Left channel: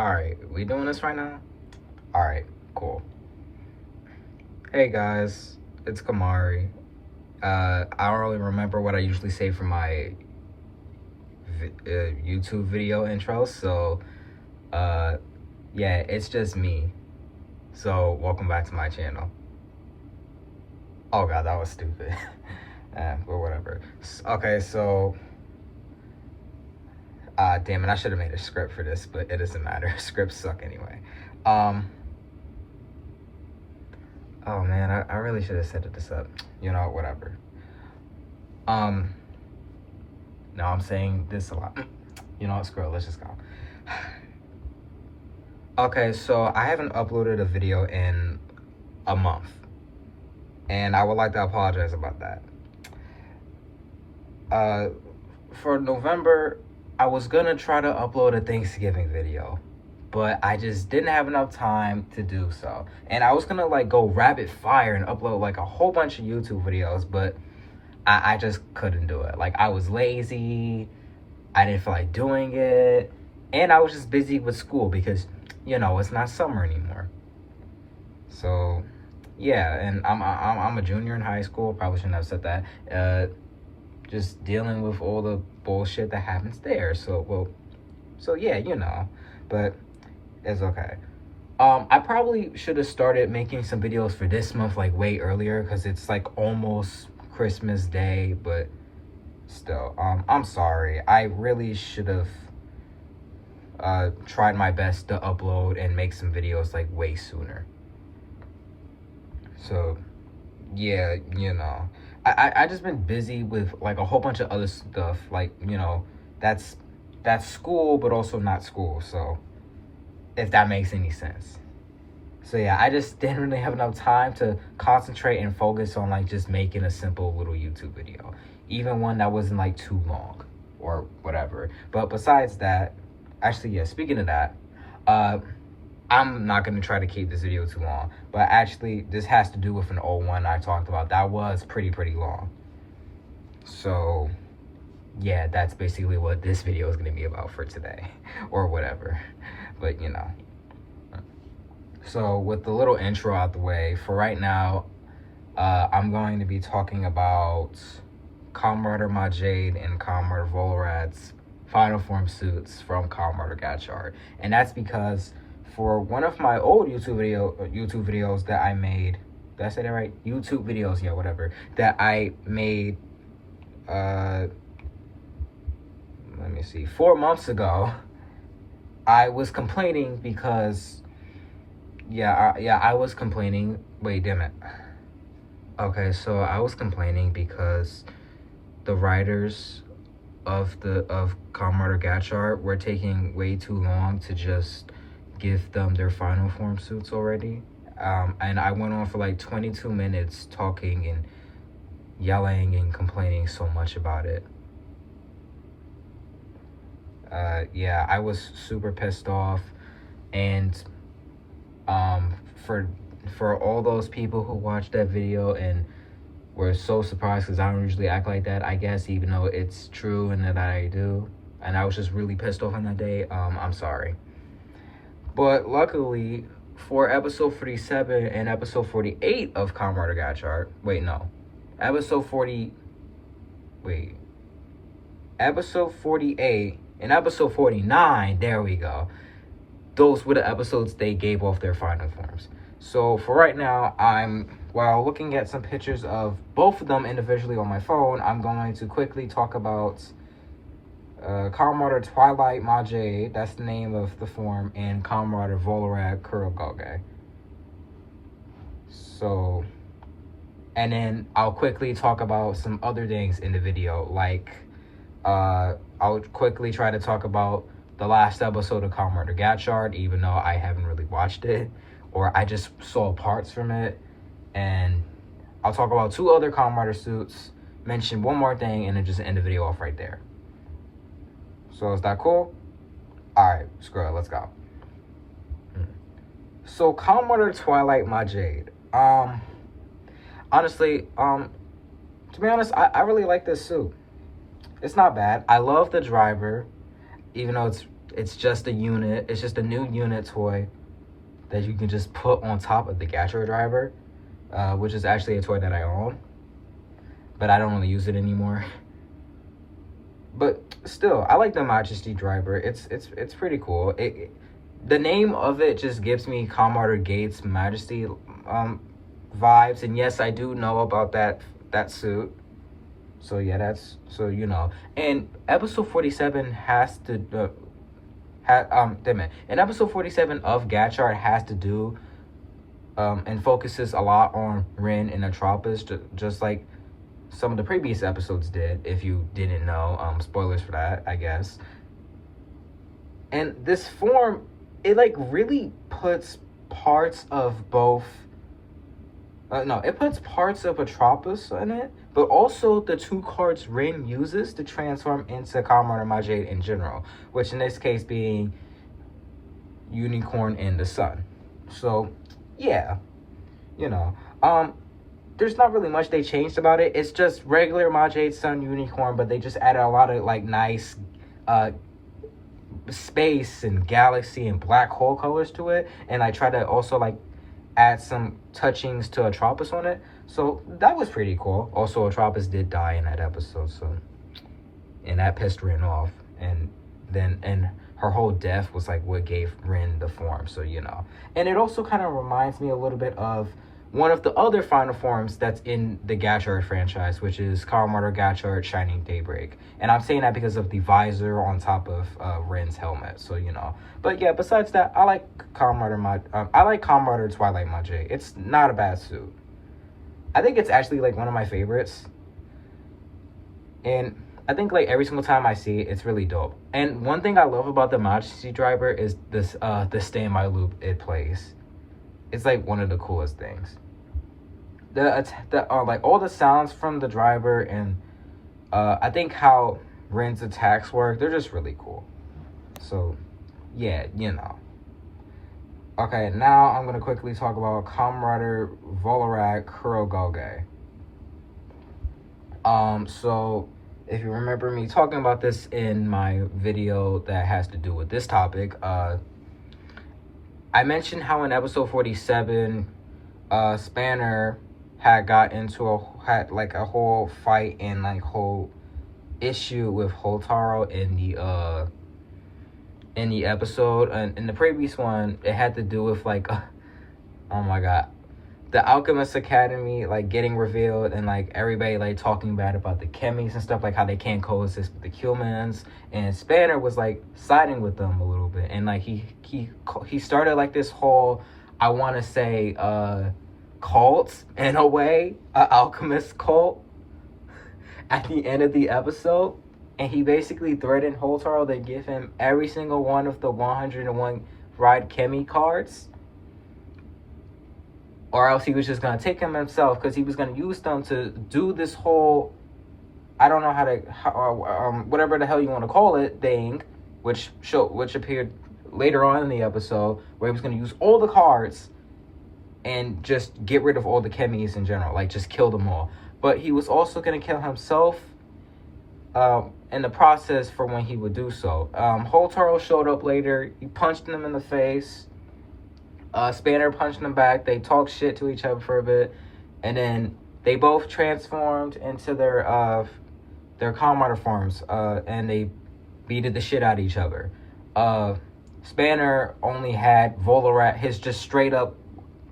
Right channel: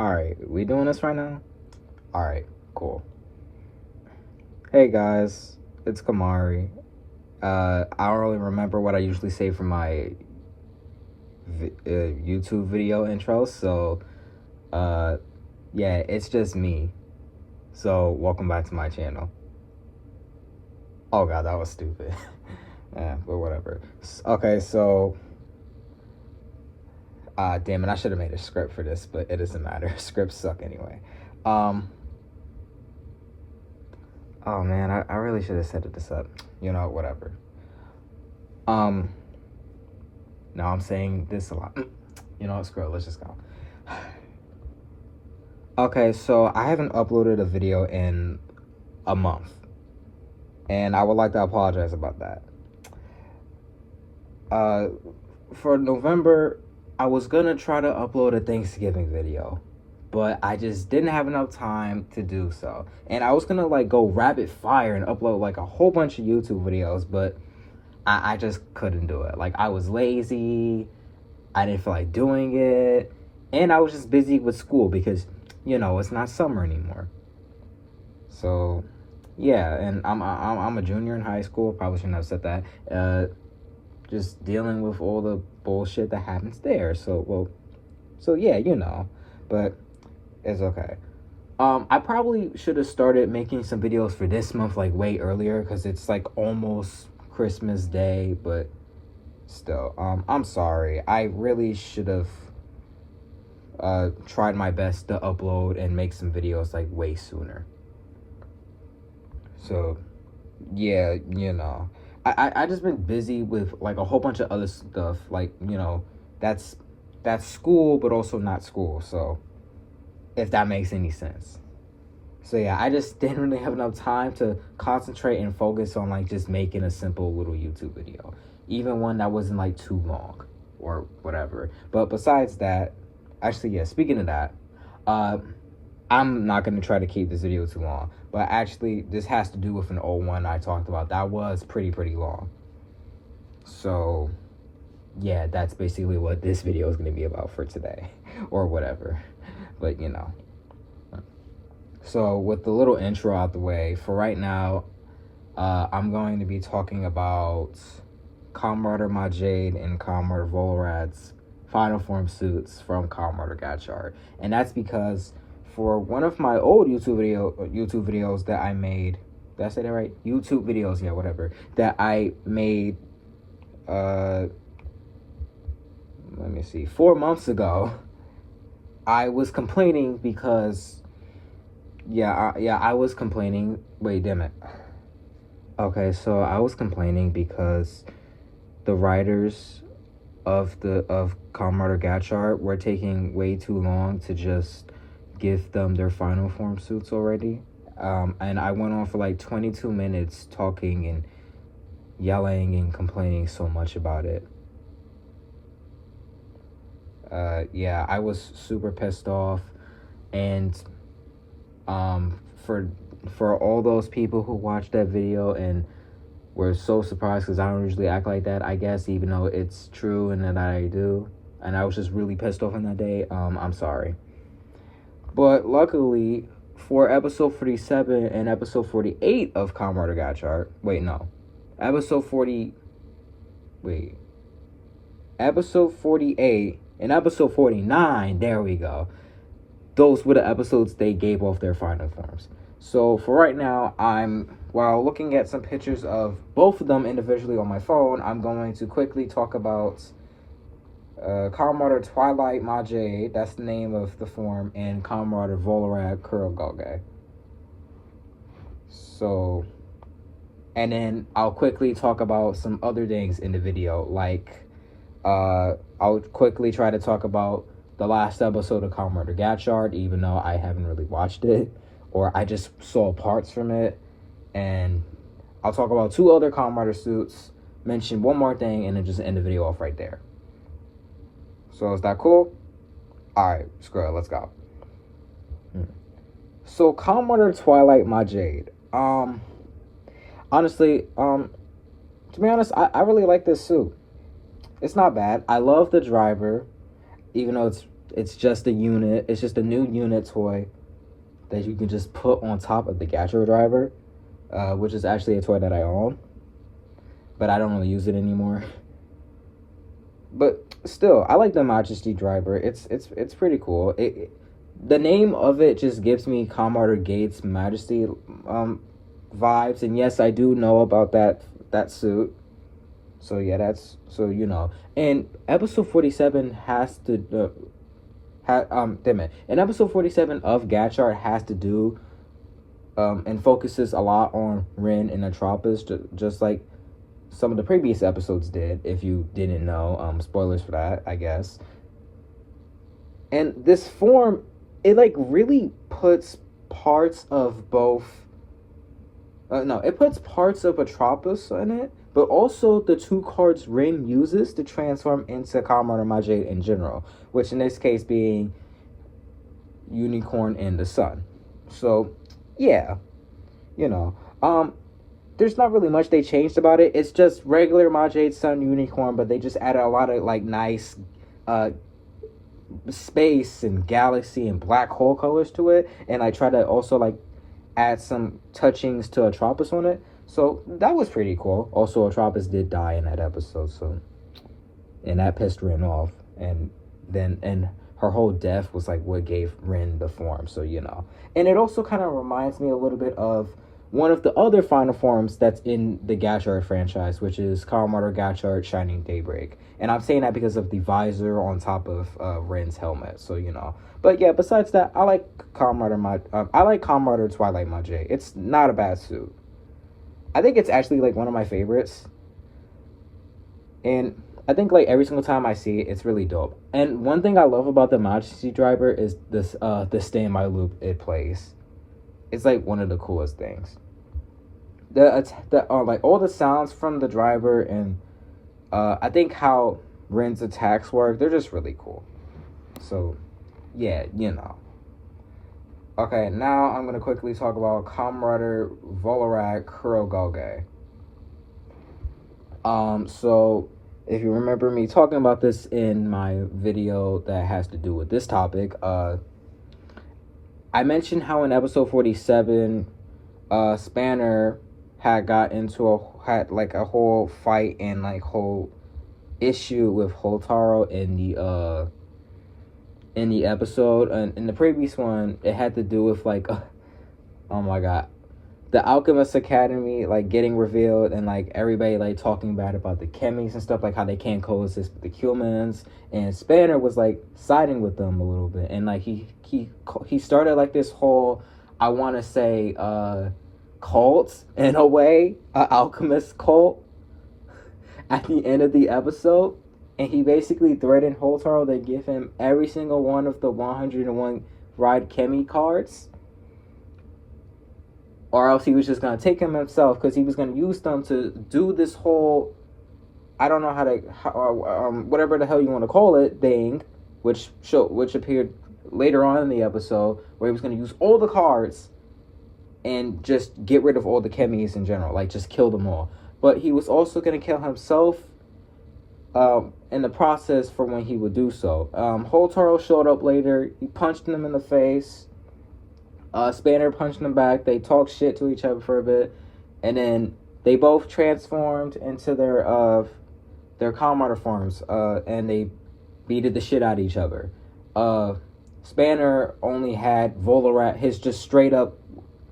Alright, we doing this right now? Alright, cool. Hey guys, it's Kamari. I don't really remember what I usually say for my YouTube video intros, so yeah, it's just me. So welcome back to my channel. Oh god, that was stupid. But whatever. Okay, so damn it, I should have made a script for this, but it doesn't matter. Scripts suck anyway. Oh man, I really should have set this up. You know, whatever. Now I'm saying this a lot. You know what, screw it, let's just go. Okay, so I haven't uploaded a video in a month. And I would like to apologize about that. For November, I was gonna try to upload a Thanksgiving video, but I just didn't have enough time to do so. And I was gonna like go rapid fire and upload like a whole bunch of YouTube videos, but I just couldn't do it. Like, I was lazy, I didn't feel like doing it, and I was just busy with school because, you know, it's not summer anymore. So yeah, and I'm a junior in high school. Probably shouldn't have said that. Just dealing with all the bullshit that happens there. So yeah, you know, but it's okay. I probably should have started making some videos for this month like way earlier because it's like almost Christmas Day, but still, I'm sorry. I really should have tried my best to upload and make some videos like way sooner. So yeah, you know, I just been busy with like a whole bunch of other stuff, like, you know, that's school but also not school, so if that makes any sense. So yeah, I just didn't really have enough time to concentrate and focus on like just making a simple little YouTube video, even one that wasn't like too long or whatever. But besides that, actually, yeah, speaking of that, I'm not going to try to keep this video too long, but actually this has to do with an old one I talked about that was pretty long. So yeah, that's basically what this video is going to be about for today or whatever, but you know. So with the little intro out the way, for right now, I'm going to be talking about Kamen Majade and Kamen Volrad's final form suits from Kamen Gotchard, and that's because for one of my old YouTube videos that I made, did I say that right? YouTube videos, yeah, whatever, that I made, let me see, 4 months ago, I was complaining because, I was complaining, wait, damn it. Okay, so I was complaining because the writers of Kamen Gotchard were taking way too long to just give them their final form suits already. And I went on for like 22 minutes talking and yelling and complaining so much about it. Yeah, I was super pissed off, and for all those people who watched that video and were so surprised because I don't usually act like that, I guess, even though it's true and that I do, and I was just really pissed off on that day, I'm sorry. But luckily, for episode 47 and episode 48 of Kamen Gotchard, episode 48 and episode 49, there we go. Those were the episodes they gave off their final forms. So for right now, while looking at some pictures of both of them individually on my phone, I'm going to quickly talk about Kamen Twilight Majade, that's the name of the form, and Kamen Volrad Kurogoge. So, and then I'll quickly talk about some other things in the video, like I'll quickly try to talk about the last episode of Kamen Gotchard, even though I haven't really watched it, or I just saw parts from it, and I'll talk about 2 other Kamen suits, mention one more thing, and then just end the video off right there. So is that cool? Alright, screw it, let's go. So Kamen Twilight Majade. Honestly, to be honest, I really like this suit. It's not bad. I love the driver, even though it's It's just a unit. It's just a new unit toy that you can just put on top of the Gotchard driver, which is actually a toy that I own, but I don't really use it anymore. But still, I like the Majesty driver. It's pretty cool. The name of it just gives me Kamen Gates Majesty vibes, and yes, I do know about that suit. So yeah, that's so you know. And episode 47 has to and episode 47 of Gotchard has to do and focuses a lot on Rin and Atropos, just like some of the previous episodes did. If you didn't know, spoilers for that, I guess. And this form, it like really puts parts of both. It puts parts of Atropos in it, but also the two cards Rin uses to transform into Kamen Majade in general, which in this case being Unicorn and the Sun. So, yeah, you know, there's not really much they changed about it. It's just regular Majade, Sun, Unicorn, but they just added a lot of like nice space and galaxy and black hole colors to it, and I try to also like add some touchings to Atropos on it, so that was pretty cool. Also, Atropos did die in that episode, so, and that pissed Rin off, and her whole death was like what gave Rin the form, so you know. And it also kind of reminds me a little bit of one of the other final forms that's in the Gotchard franchise, which is Kamen Gotchard Shining Daybreak. And I'm saying that because of the visor on top of Rin's helmet, so you know. But yeah, besides that, I like Kamen Twilight Majay. It's not a bad suit. I think it's actually like one of my favorites. And I think like every single time I see it, it's really dope. And one thing I love about the Majesty driver is this the standby loop it plays. It's like one of the coolest things. Like all the sounds from the driver and I think how Rin's attacks work, they're just really cool. So yeah, you know. Okay, now I'm gonna quickly talk about Comrade Volorak Kurogoge. So if you remember me talking about this in my video that has to do with this topic, I mentioned how in episode 47, Spanner had got into a whole fight and like whole issue with Houtaro in the episode. And in the previous one, it had to do with like, oh my god, the Alchemist Academy like getting revealed and like everybody like talking bad about the chemis and stuff, like how they can't coexist with the humans, and Spanner was like siding with them a little bit, and like he started like this whole, I want to say cult in a way, alchemist cult at the end of the episode, and he basically threatened Houtaro to give him every single one of the 101 Ride Chemi cards, or else he was just going to take them himself, because he was going to use them to do this whole, I don't know whatever the hell you want to call it, thing, which appeared later on in the episode, where he was going to use all the cards and just get rid of all the chemis in general, like just kill them all. But he was also going to kill himself in the process for when he would do so. Houtaro showed up later. He punched him in the face. Spanner punched him back. They talked shit to each other for a bit, and then they both transformed into their Kamen forms, and they beated the shit out of each other. Spanner only had Volorat, his just straight up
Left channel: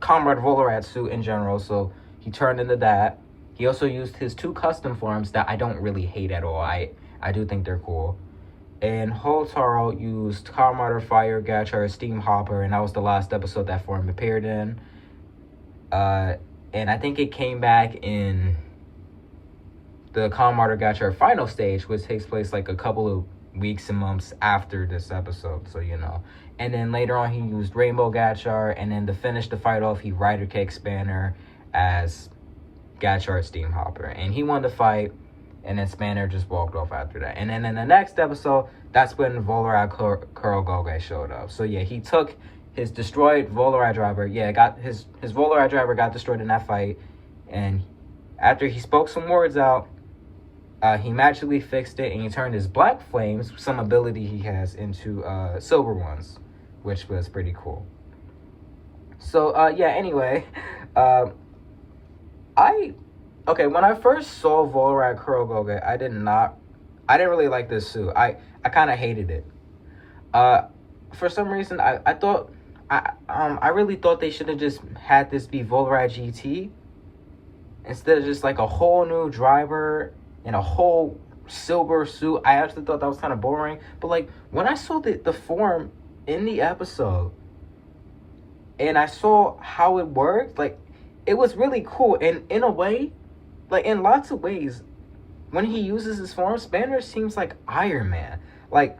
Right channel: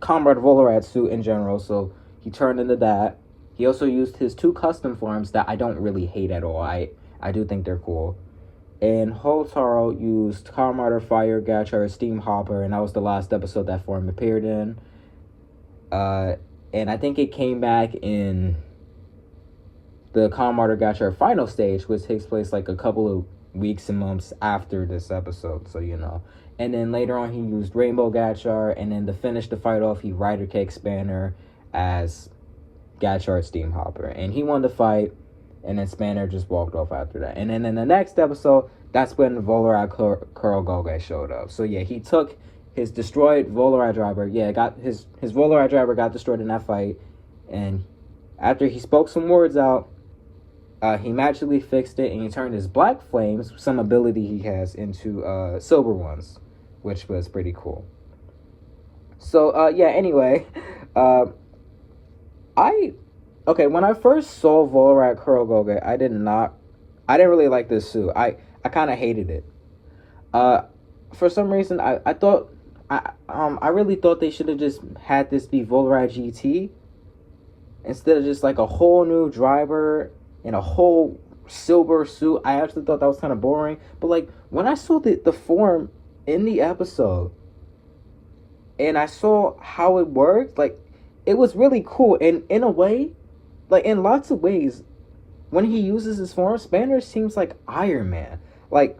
Comrade Volorat suit in general, so he turned into that. He also used his two custom forms that I don't really hate at all. I do think they're cool. And Houtaro used Kamen Fire Gotchard Steam Hopper, and that was the last episode that form appeared in. And I think it came back in the Kamen Gotchard final stage, which takes place like a couple of weeks and months after this episode, so you know. And then later on he used Rainbow Gotchard, and then to finish the fight off he Rider Cake Spanner as Gotchard Steam Hopper, and he won the fight, and then Spanner just walked off after that. And then in the next episode, that's when Volorak Kurogoge showed up. So yeah, he took his destroyed Volorak driver, his Volorak driver got destroyed in that fight, and after he spoke some words out, He magically fixed it, and he turned his black flames, some ability he has, into silver ones, which was pretty cool. So yeah. Anyway, when I first saw Volrad Kurogoge, I didn't really like this suit. I kind of hated it. For some reason, I thought I really thought they should have just had this be Volrad GT instead of just like a whole new driver and a whole silver suit. I actually thought that was kind of boring. But like when I saw the form in the episode and I saw how it worked, like it was really cool. And in a way, like in lots of ways, when he uses his form, Spanner seems like Iron Man. Like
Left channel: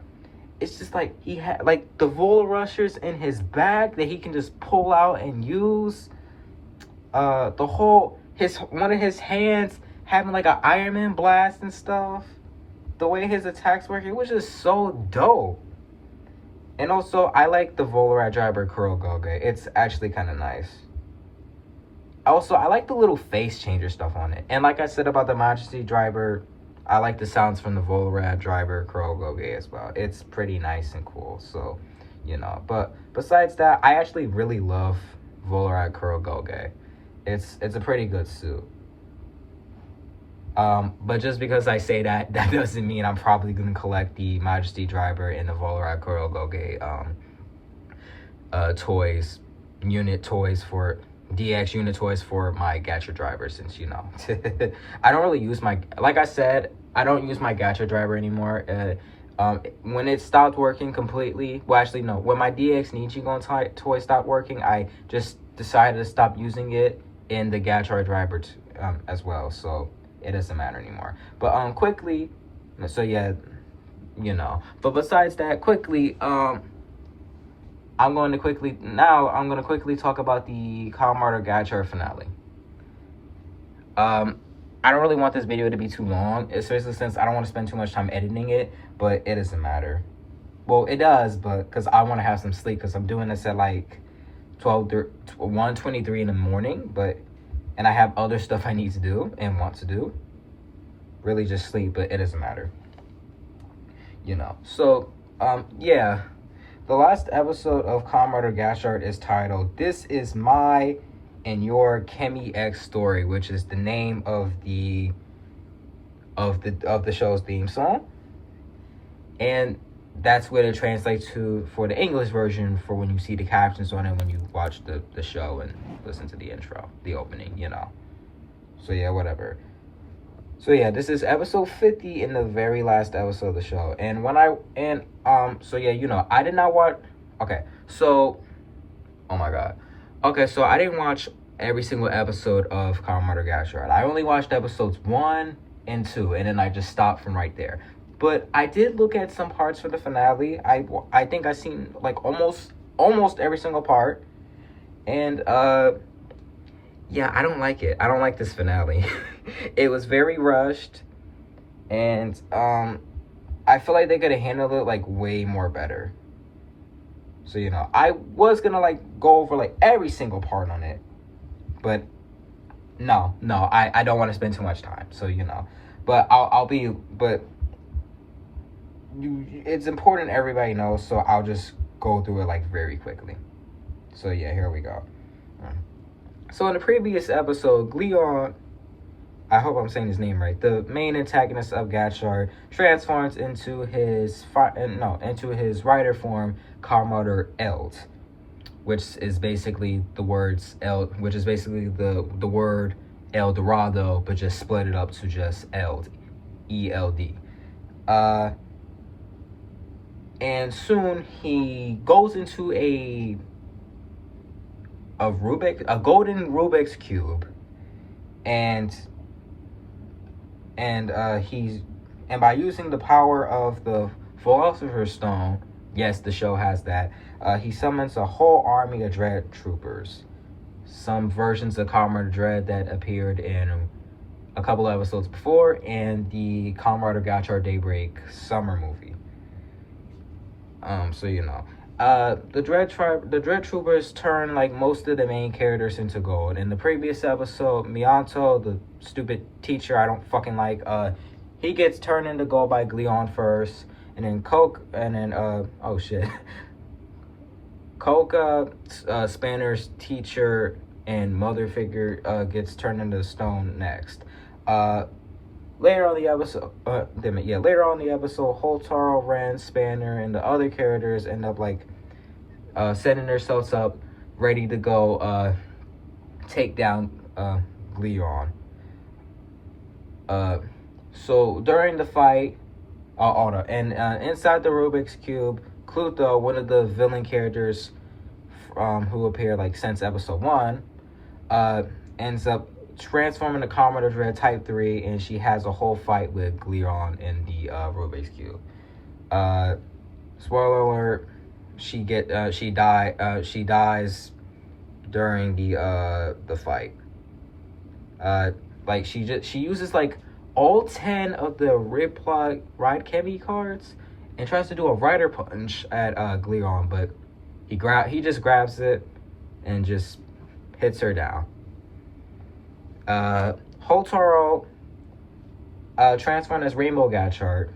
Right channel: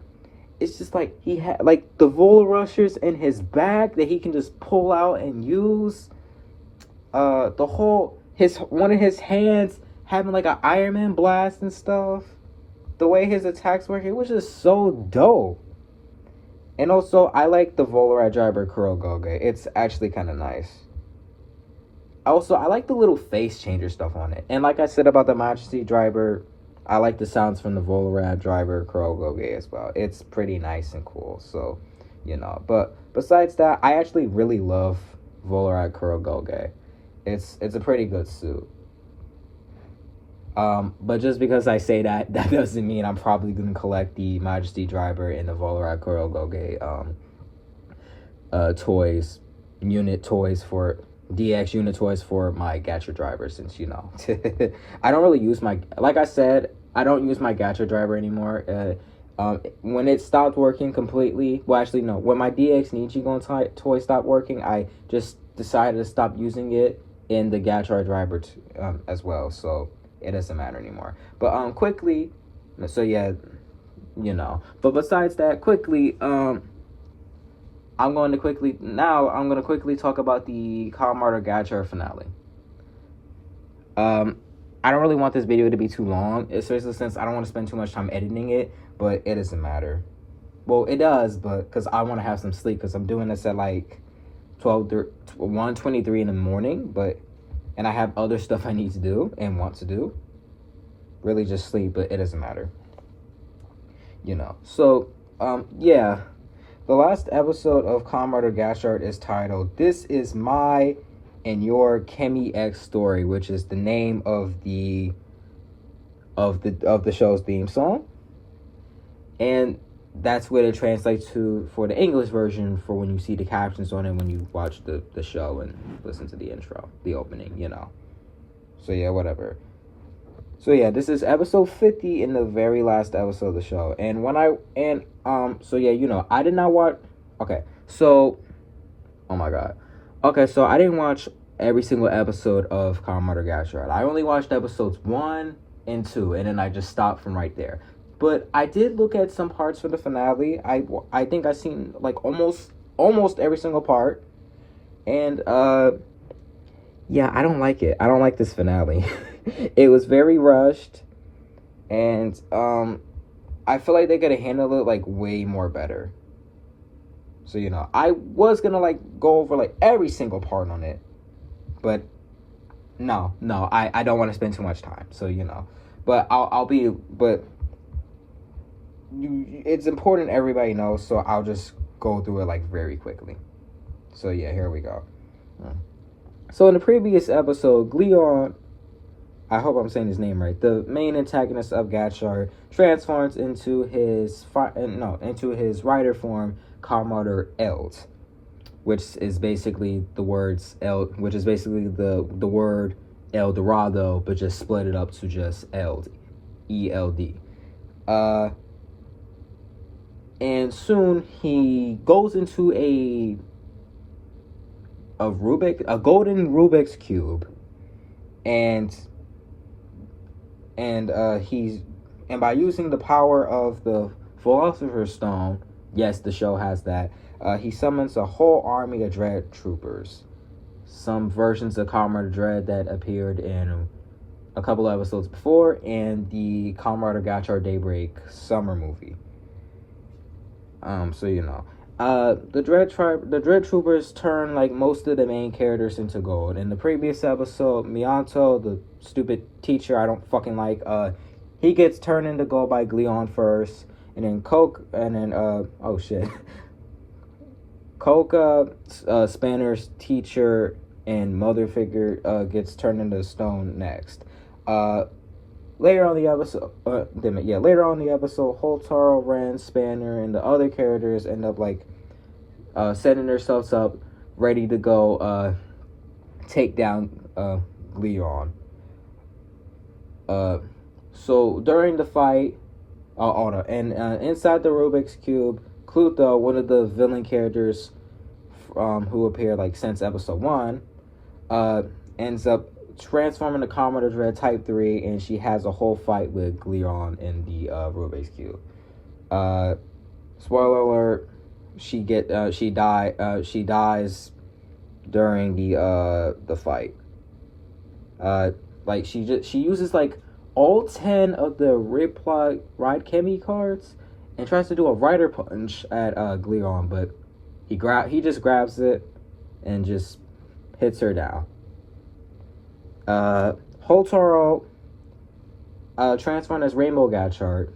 it's just like he had like the Vol Rushers in his bag that he can just pull out and use. The whole one of his hands having like an Iron Man blast and stuff. The way his attacks work, it was just so dope. And also, I like the Volrad driver Kurogoge. It's actually kind of nice. Also, I like the little face changer stuff on it. And like I said about the Majesty driver, I like the sounds from the Volrad driver Kurogoge as well. It's pretty nice and cool. So, But besides that, I actually really love Volrad Kurogoge. It's a pretty good suit. But just because I say that doesn't mean I'm probably going to collect the Majesty driver and the Volrad Kurogoge unit toys for DX unit toys for my Gotchard driver, since I don't really use like I said, I don't use my Gotchard driver anymore. When it stopped working completely, well actually no, when my DX Nichigon toy stopped working, I just decided to stop using it in the Gotchard driver as well, so it doesn't matter anymore. But quickly, so yeah, but besides that, quickly, I'm going to quickly talk about the Kamen Gotchard finale. I don't really want this video to be too long, especially since I don't want to spend too much time editing it, but it doesn't matter. Well, it does, but because I want to have some sleep, because I'm doing this at like 1:23 in the morning, and I have other stuff I need to do and want to do. Really just sleep, but it doesn't matter. So, yeah. The last episode of Kamen Gotchard is titled "This Is My and Your Kemi X Story," which is the name of the show's theme song, and that's what it translates to for the English version for when you see the captions on it when you watch the show and listen to the intro, the opening, So yeah, whatever. So yeah, this is episode 50 in the very last episode of the show. And so yeah, I did not watch. Okay, so oh my god. Okay, so I didn't watch every single episode of Kamen Gotchard. I only watched episodes 1 and 2, and then I just stopped from right there. But I did look at some parts for the finale. I think I seen like almost every single part. And yeah, I don't like it. I don't like this finale. It was very rushed, and I feel like they could have handled it like way more better. So I was gonna like go over like every single part on it, but no, I don't want to spend too much time. So but it's important everybody knows, so I'll just go through it like very quickly. So yeah, here we go. So in the previous episode, Gleon, I hope I'm saying his name right, the main antagonist of Gotchard, transforms into his rider form, Kamen Eld, which is basically the words which is basically the word El Dorado, but just split it up to just Eld, E-L-D. And soon he goes into a golden Rubik's cube, and by using the power of the Philosopher's Stone, yes, the show has that, he summons a whole army of Dread troopers. Some versions of Kamen Dread that appeared in a couple of episodes before, and the Kamen Gotchard Daybreak summer movie. So the Dread Troopers turn like most of the main characters into gold. In the previous episode, Miyanto, the stupid teacher I don't fucking like, he gets turned into gold by Gleon first, and then Coca, Spanner's teacher and mother figure, gets turned into stone next. Later on the episode, Holtaro, Ren, Spanner, and the other characters end up like setting themselves up, ready to go take down Gleon. So during the fight, inside the Rubik's Cube, Clutho, one of the villain characters who appeared like since episode 1, ends up transforming to Commodore Dread Type 3, and she has a whole fight with Gleon in the Rubik's Cube. Spoiler alert: she dies during the fight. Like she uses like all 10 of the Ride Chemi cards and tries to do a Rider Punch at Gleon, but he just grabs it and just hits her down. Holtaro, transformed as Rainbow Gotchard,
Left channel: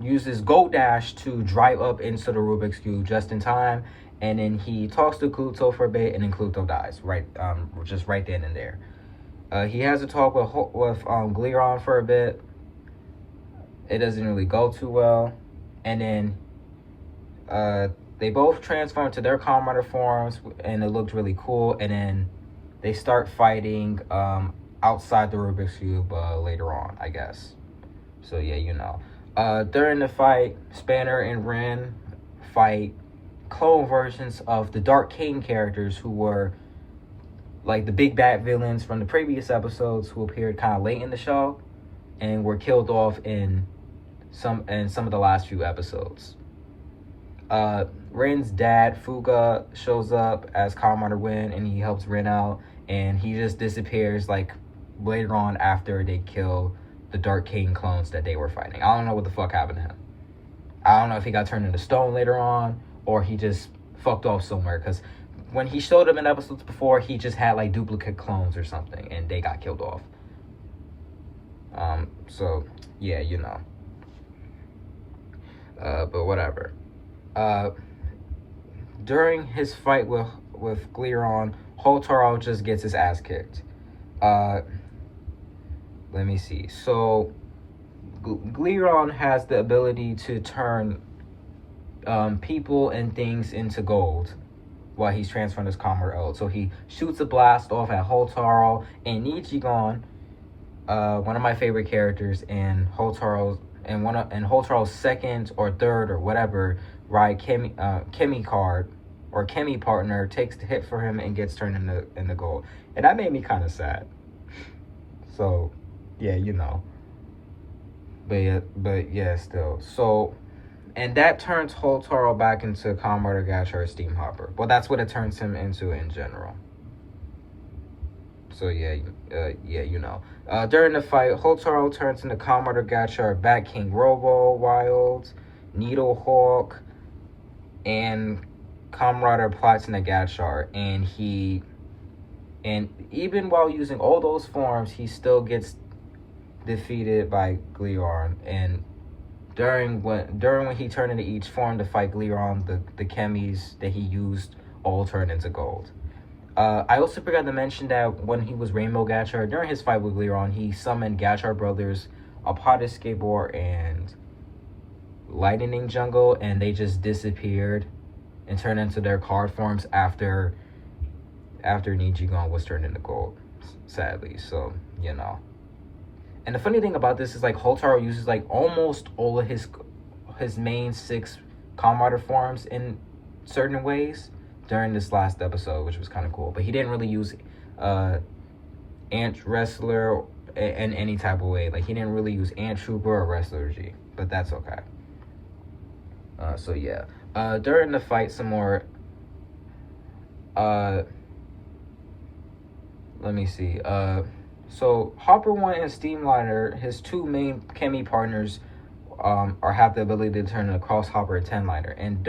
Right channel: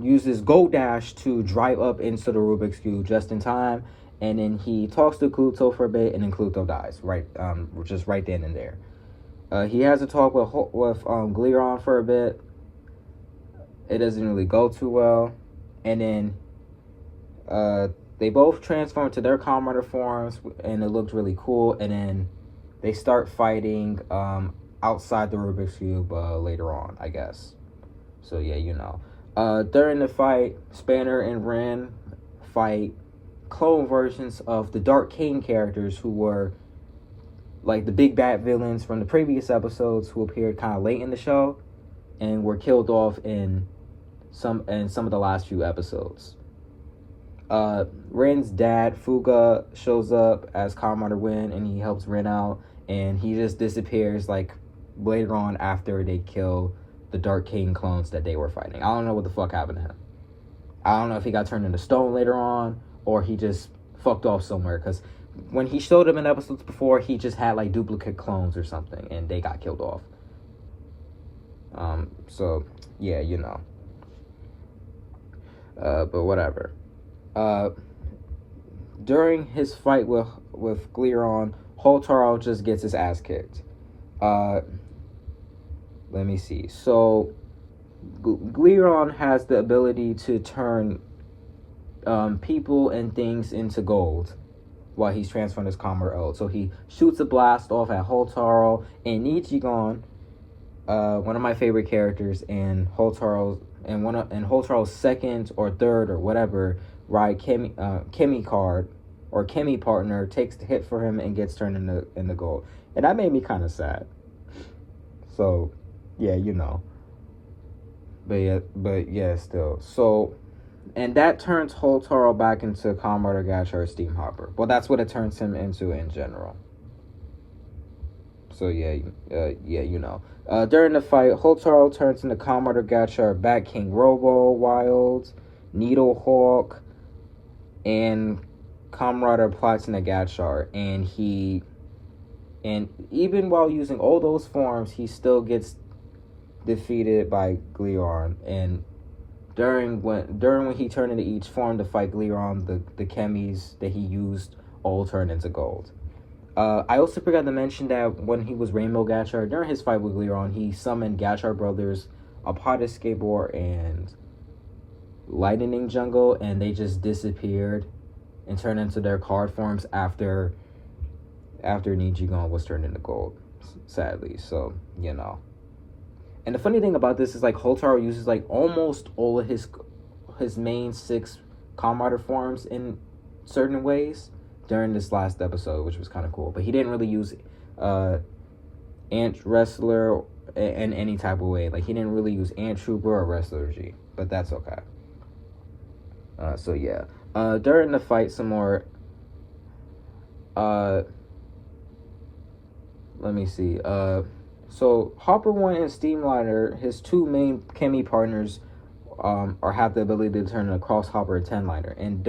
uses Gold Dash to drive up into the Rubik's Cube just in time, and then he talks to Clutho for a bit, and then Clutho dies just right then and there. He has a talk with Gleon for a bit. It doesn't really go too well, and then they both transform to their Kamen forms, and it looked really cool. And then they start fighting outside the Rubik's Cube later on, I guess. So yeah, during the fight, Spanner and Ren fight clone versions of the Dark King characters, who were like the big bad villains from the previous episodes, who appeared kind of late in the show and were killed off in some of the last few episodes. Ren's dad, Fuga, shows up as Commander Wen, and he helps Ren out, and he just disappears like later on after they kill the Dark King clones that they were fighting. I don't know what the fuck happened to him. I don't know if he got turned into stone later on, or he just fucked off somewhere, because when he showed up in episodes before, he just had like duplicate clones or something, and they got killed off. So yeah, but whatever. During his fight with Gleon, Holtaro just gets his ass kicked. Let me see. So Gleon has the ability to turn people and things into gold while he's transferring his Kamen L. So he shoots a blast off at Holtaro and Nichigon, one of my favorite characters, in Holtaro's second or third or whatever Ride Chemi card or Chemi partner takes the hit for him and gets turned into gold. And that made me kind of sad. So yeah, But yeah, still. So, and that turns Holtaro back into Commodore Gotchard Steam Hopper. Well, that's what it turns him into in general. So yeah, during the fight, Holtaro turns into Commodore Gotchard, Bat King Robo Wild, Needle Hawk, and Comrade Platinum Gotchard, and even while using all those forms, he still gets defeated by Gleon. And during when he turned into each form to fight Gleon, the chemis that he used all turned into gold. I also forgot to mention that when he was Rainbow Gotchard, during his fight with Gleon, he summoned Gotchard Brothers, Apata Skateboard, and Lightning Jungle, and they just disappeared and turned into their card forms after Nichigon was turned into gold, sadly. So, And the funny thing about this is, like, Holtaro uses, like, almost all of his main 6 Comrade forms in certain ways during this last episode, which was kind of cool. But he didn't really use Ant Wrestler in any type of way. Like, he didn't really use Ant Trooper or Wrestler G. But that's okay. So, yeah. During the fight, some more... let me see. So Hopper 1 and Steamliner, his 2 main chemi partners, have the ability to turn a Cross Hopper and 10-liner. And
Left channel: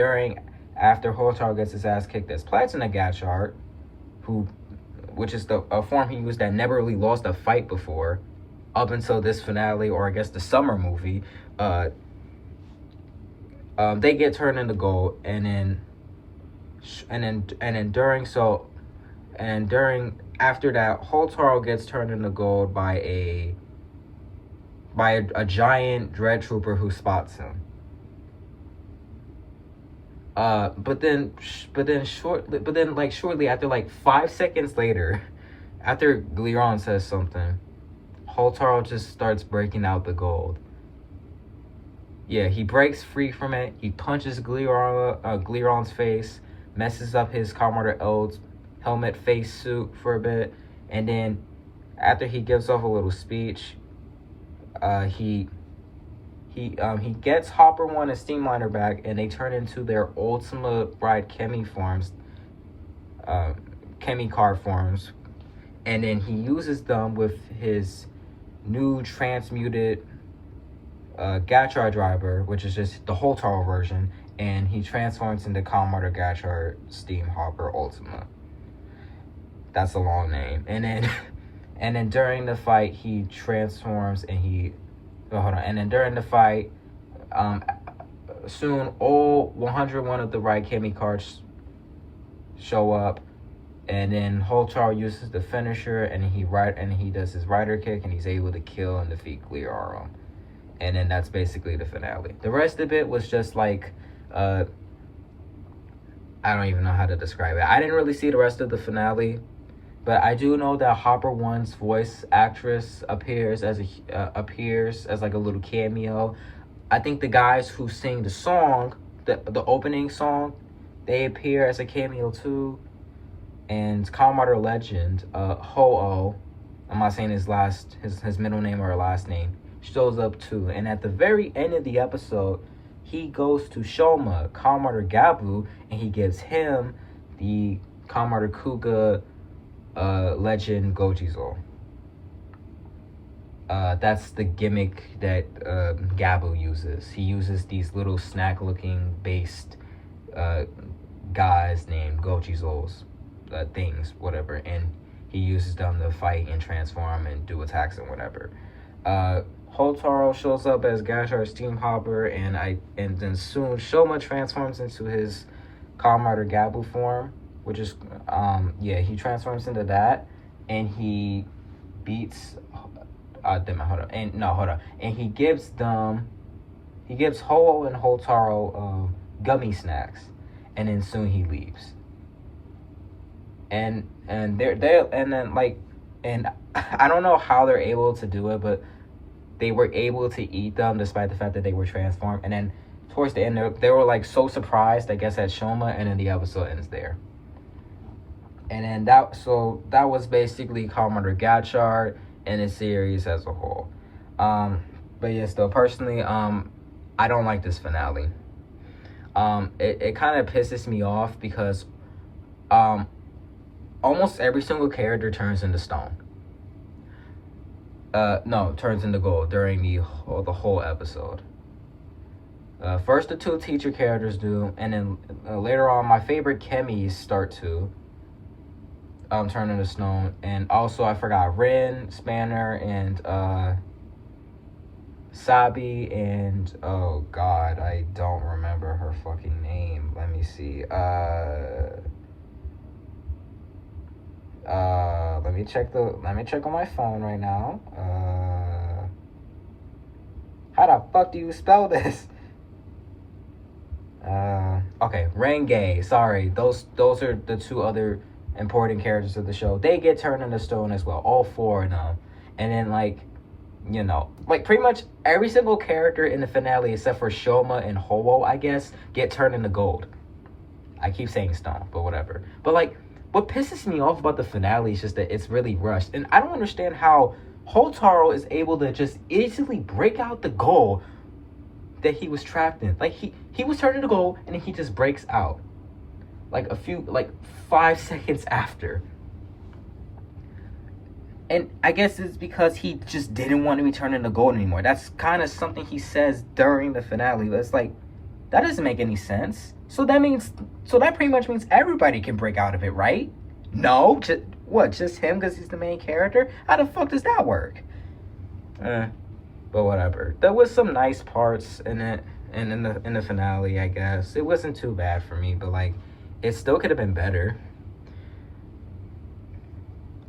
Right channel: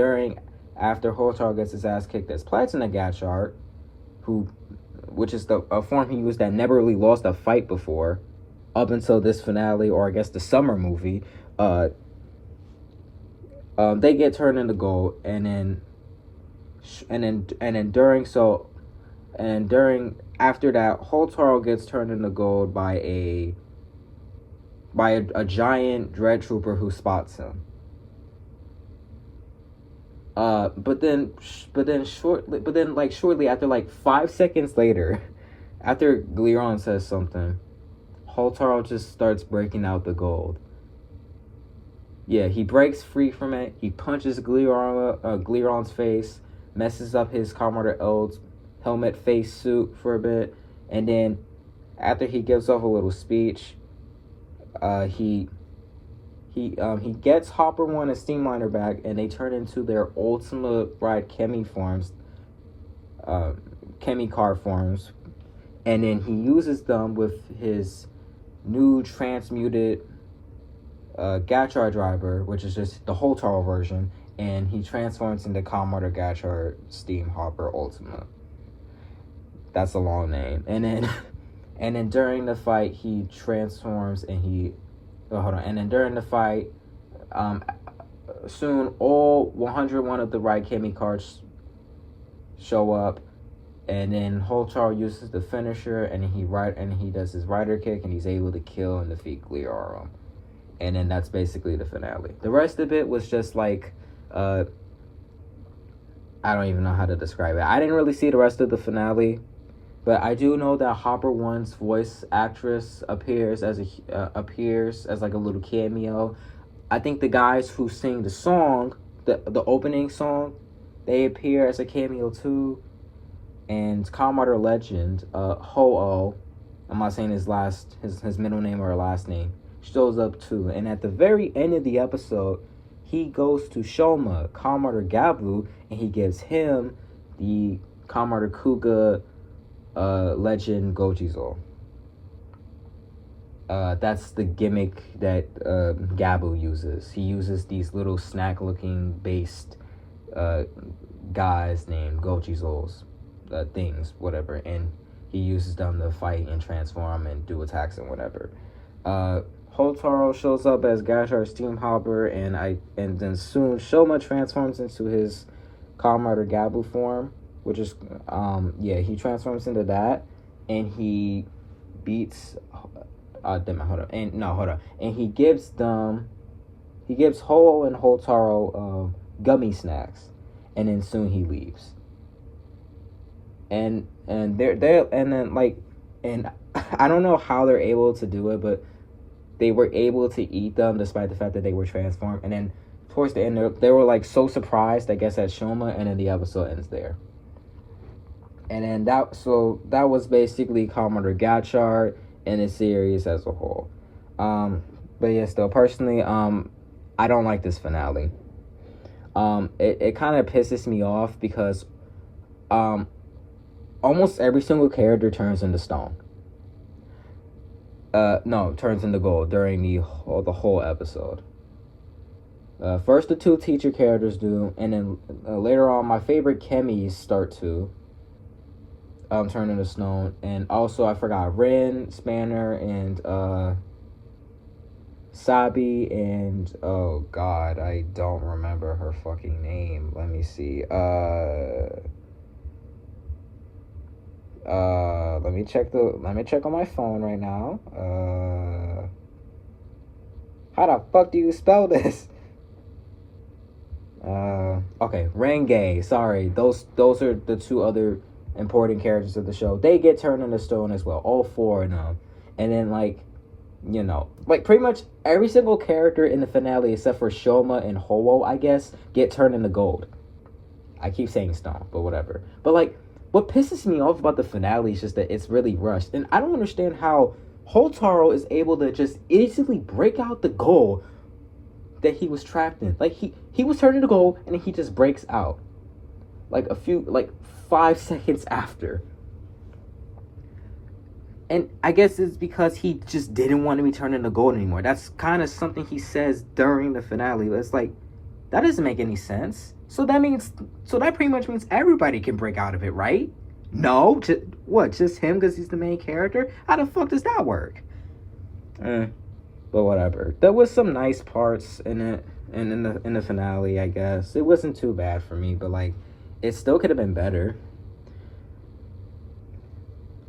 after Holtaro gets his ass kicked as Platinum Gotchard, who which is the form he used that never really lost a fight before, up until this finale, or I guess the summer movie. They get turned into gold, and then during after that, Holtaro gets turned into gold by a giant dread trooper who spots him. But then shortly after, like 5 seconds later, after Gliron says something, Holtaro just starts breaking out the gold. Yeah, he breaks free from it. He punches Gliron's face, messes up his Commander L's helmet face suit for a bit, and then after he gives off a little speech, he gets Hopper 1 and Steamliner back, and they turn into their Ultima Ride Chemi forms, Chemi car forms, and then he uses them with his new transmuted Gotchard driver, which is just the Holtaro version, and he transforms into Commodore Gotchard Steam Hopper Ultima. That's a long name. And then during the fight, he transforms and And then during the fight, soon all 101 of the Ride Chemi cards show up, and then Holtaro uses the finisher, and he does his rider kick, and he's able to kill and defeat Gliaro. And then that's basically the finale. The rest of it was just like, I don't even know how to describe it. I didn't really see the rest of the finale, but I do know that Hopper 1's voice actress appears as like a little cameo. I think the guys who sing the song, the opening song, they appear as a cameo too. And Commodore Legend, Ho-Oh, I'm not saying his middle name or last name, shows up too. And at the very end of the episode, he goes to Shoma, Commodore Gabu, and he gives him the Commodore Kuga Legend Gojizol. That's the gimmick that Gabu uses. He uses these little snack-looking based guys named Gojizols, things, whatever, and he uses them to fight and transform and do attacks and whatever. Holtaro shows up as Gotchard Steam Hopper, and then soon Shoma transforms into his Commodore Gabu form, which is he transforms into that, and he beats and he gives Ho and Holtaro gummy snacks, and then soon he leaves. And I don't know how they're able to do it, but they were able to eat them despite the fact that they were transformed. And then towards the end, they were like so surprised, I guess, at Shoma, and then the episode ends there. And then that was basically Commodore Gotchard and the series as a whole. But yeah, still personally, I don't like this finale. It kind of pisses me off because almost every single character turns into stone. Turns into gold during the whole episode. First the two teacher characters do, and then later on my favorite chemis start to turn into stone. And also I forgot Rin, Spanner, and Sabi, and oh god, I don't remember her fucking name. Let me see. Let me check on my phone right now. How the fuck do you spell this? Okay, Renge. Sorry, those are the two other important characters of the show. They get turned into stone as well, all four of them. And then pretty much every single character in the finale except for Shoma and Ho-Oh, I guess, get turned into gold. I keep saying stone, but whatever. But what pisses me off about the finale is just that it's really rushed. And I don't understand how Holtaro is able to just instantly break out the goal that he was trapped in. Like, he was turned into gold, and then he just breaks out. 5 seconds after. And I guess it's because he just didn't want to be turned into gold anymore. That's kind of something he says during the finale. It's like, that doesn't make any sense. So that pretty much means everybody can break out of it, right? No, just him because he's the main character? How the fuck does that work? But whatever. There was some nice parts in it, and in the finale, I guess it wasn't too bad for me, but like, it still could have been better.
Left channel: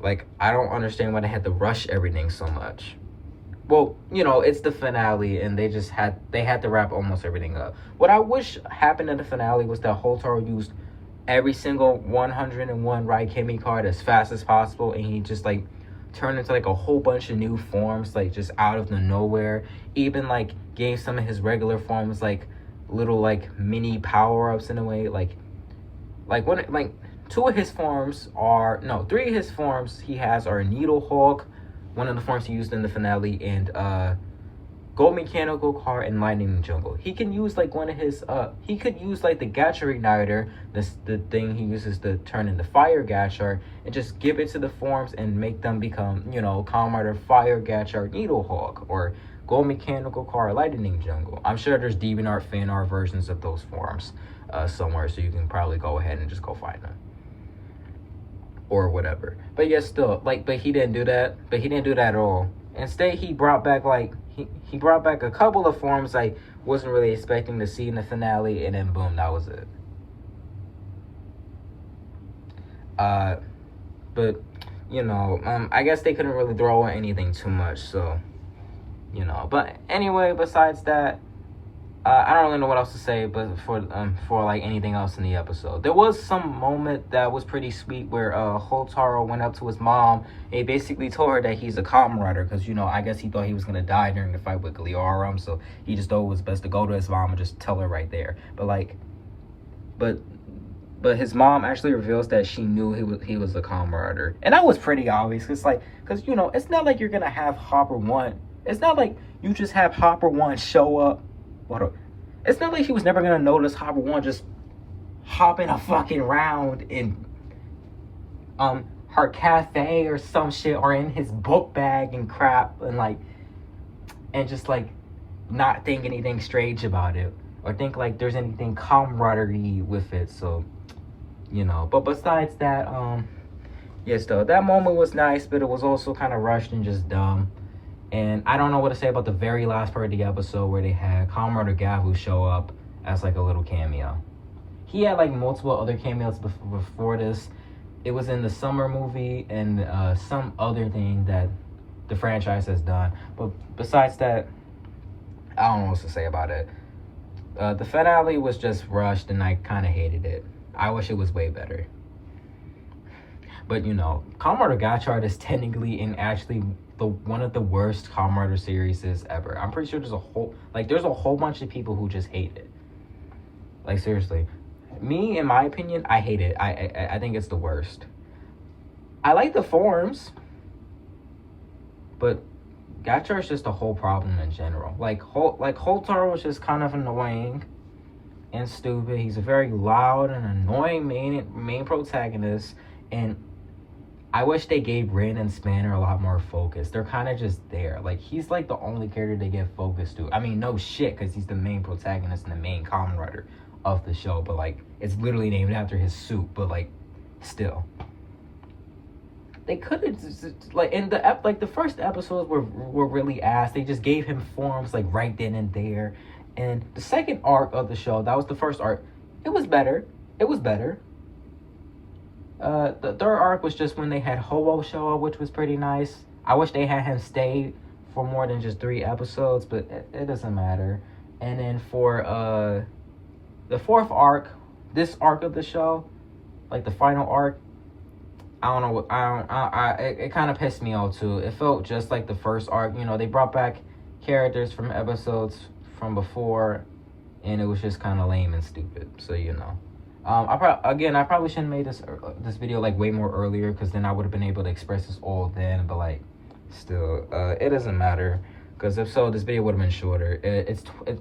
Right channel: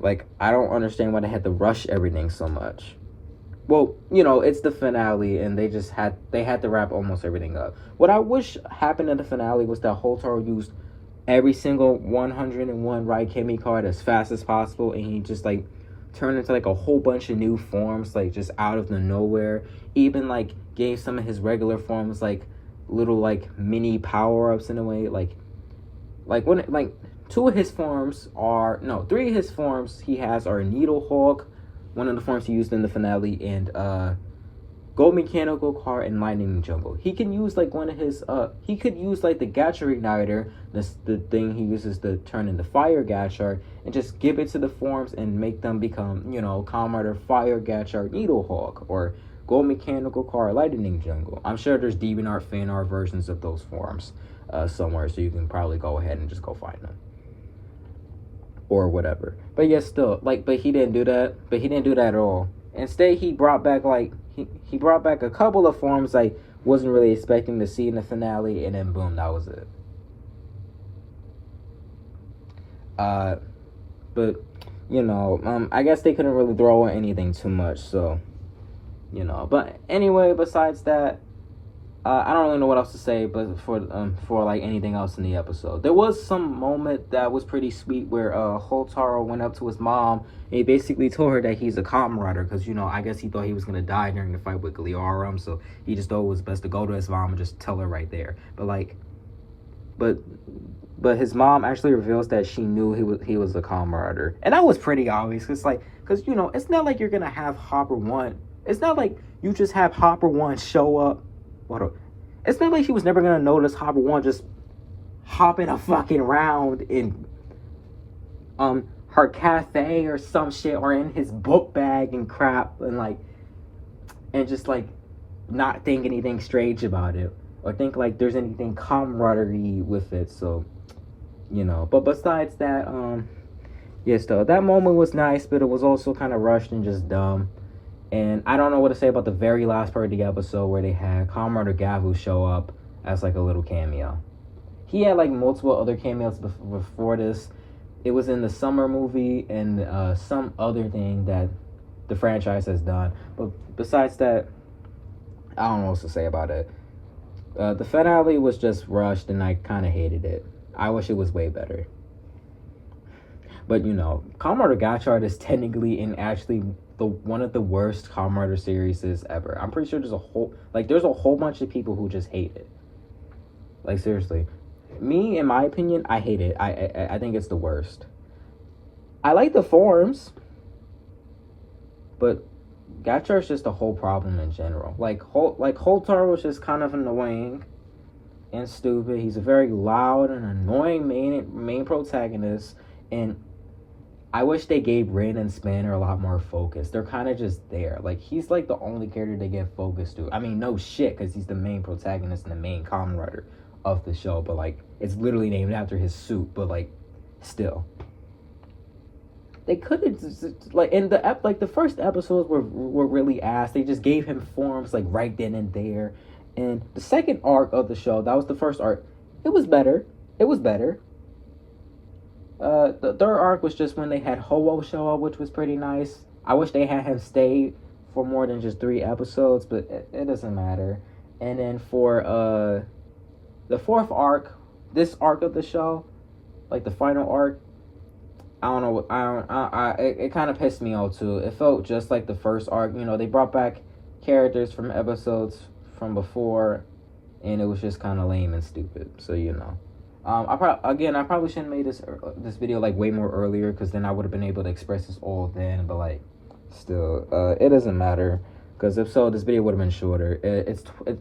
Like, I don't understand why they had to rush everything so much. Well, it's the finale, and they had to wrap almost everything up. What I wish happened in the finale was that Hotaru used every single 101 Raikemi card as fast as possible, and he just like turned into like a whole bunch of new forms, like just out of the nowhere. Even like gave some of his regular forms like little like mini power-ups in a way, like when like three of his forms he has are Needle Hawk, one of the forms he used in the finale, and Gold Mechanical Car and Lightning Jungle. He can use like one of his he could use like the Gotchard Igniter, the thing he uses to turn into Fire Gotchard, and just give it to the forms and make them become, Kamen Rider Fire Gotchard Needle Hawk, or Gold Mechanical Car Lightning Jungle. I'm sure there's DeviantArt fan art versions of those forms somewhere, so you can probably go ahead and just go find them. Or whatever. But yeah, still, like, but he didn't do that. But he didn't do that at all. Instead, he brought back, like, he brought back a couple of forms I wasn't really expecting to see in the finale, and then boom, that was it. But, I guess they couldn't really throw in anything too much, so, But anyway, besides that, I don't really know what else to say, but for like anything else in the episode, there was some moment that was pretty sweet where Hotaru went up to his mom and he basically told her that he's a Kamen Rider because I guess he thought he was gonna die during the fight with Gliarum, so he just thought it was best to go to his mom and just tell her right there. But his mom actually reveals that she knew he was a Kamen Rider, and that was pretty obvious. It's like because it's not like you're gonna have Hopper 1. It's not like you just have Hopper 1 show up. It's not like she was never gonna notice Hopper 1 just hopping a fucking round in her cafe or some shit, or in his book bag and crap, and just like not think anything strange about it, or think like there's anything camaraderie with it. So but besides that, yes, though, that moment was nice, but it was also kind of rushed and just dumb. And I don't know what to say about the very last part of the episode where they had Kamen Rider Gavu show up as like a little cameo. He had like multiple other cameos before this. It was in the summer movie and some other thing that the franchise has done. But besides that, I don't know what to say about it. The finale was just rushed and I kind of hated it. I wish it was way better. But Kamen Rider Gotchard is technically and actually one of the worst Kamen Rider series ever. I'm pretty sure there's a whole bunch of people who just hate it. Like, seriously. Me, in my opinion, I hate it. I think it's the worst. I like the forms, but Gotchard's just a whole problem in general. Like Hotaru was just kind of annoying and stupid. He's a very loud and annoying main protagonist, and I wish they gave Rin and Spanner a lot more focus. They're kind of just there. Like, he's like the only character they give focus to. I mean, no shit, because he's the main protagonist and the main Kamen Rider of the show. But, like, it's literally named after his suit. But, like, still. They could have, like, in the first episodes were really ass. They just gave him forms, like, right then and there. And the second arc of the show, that was the first arc, it was better. The third arc was just when they had Ho-Oh show up, which was pretty nice. I wish they had him stay for more than just 3 episodes, but it doesn't matter. And then for the fourth arc, this arc of the show, like the final arc, I don't know. It kind of pissed me off too. It felt just like the first arc. They brought back characters from episodes from before, and it was just kind of lame and stupid. So I probably shouldn't have made this video like way more earlier, because then I would have been able to express this all then. But like, still, it doesn't matter, because if so, this video would have been shorter.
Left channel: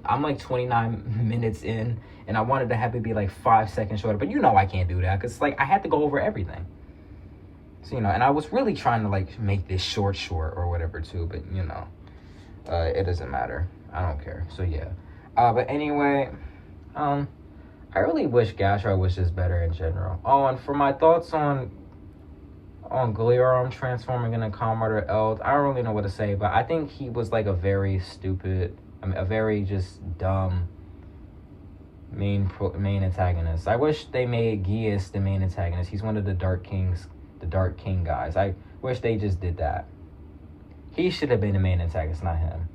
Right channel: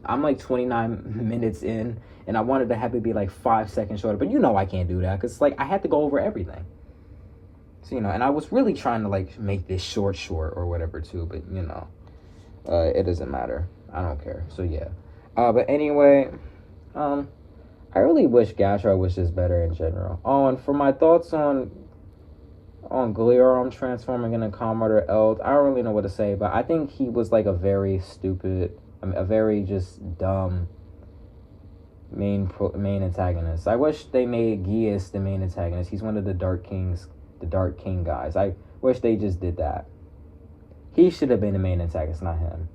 I'm like 29 minutes in, and I wanted to have it be like 5 seconds shorter. But I can't do that, because like I had to go over everything. So and I was really trying to like make this short or whatever too. But it doesn't matter. I don't care. So yeah. But anyway, I really wish Gotchard was just better in general. Oh, and for my thoughts on on Glirum transforming into Comrade Eld. I don't really know what to say, but I think he was like a very stupid, a very just dumb main antagonist. I wish they made Geas the main antagonist. He's one of the Dark Kings, the Dark King guys. I wish they just did that. He should have been the main antagonist, not him.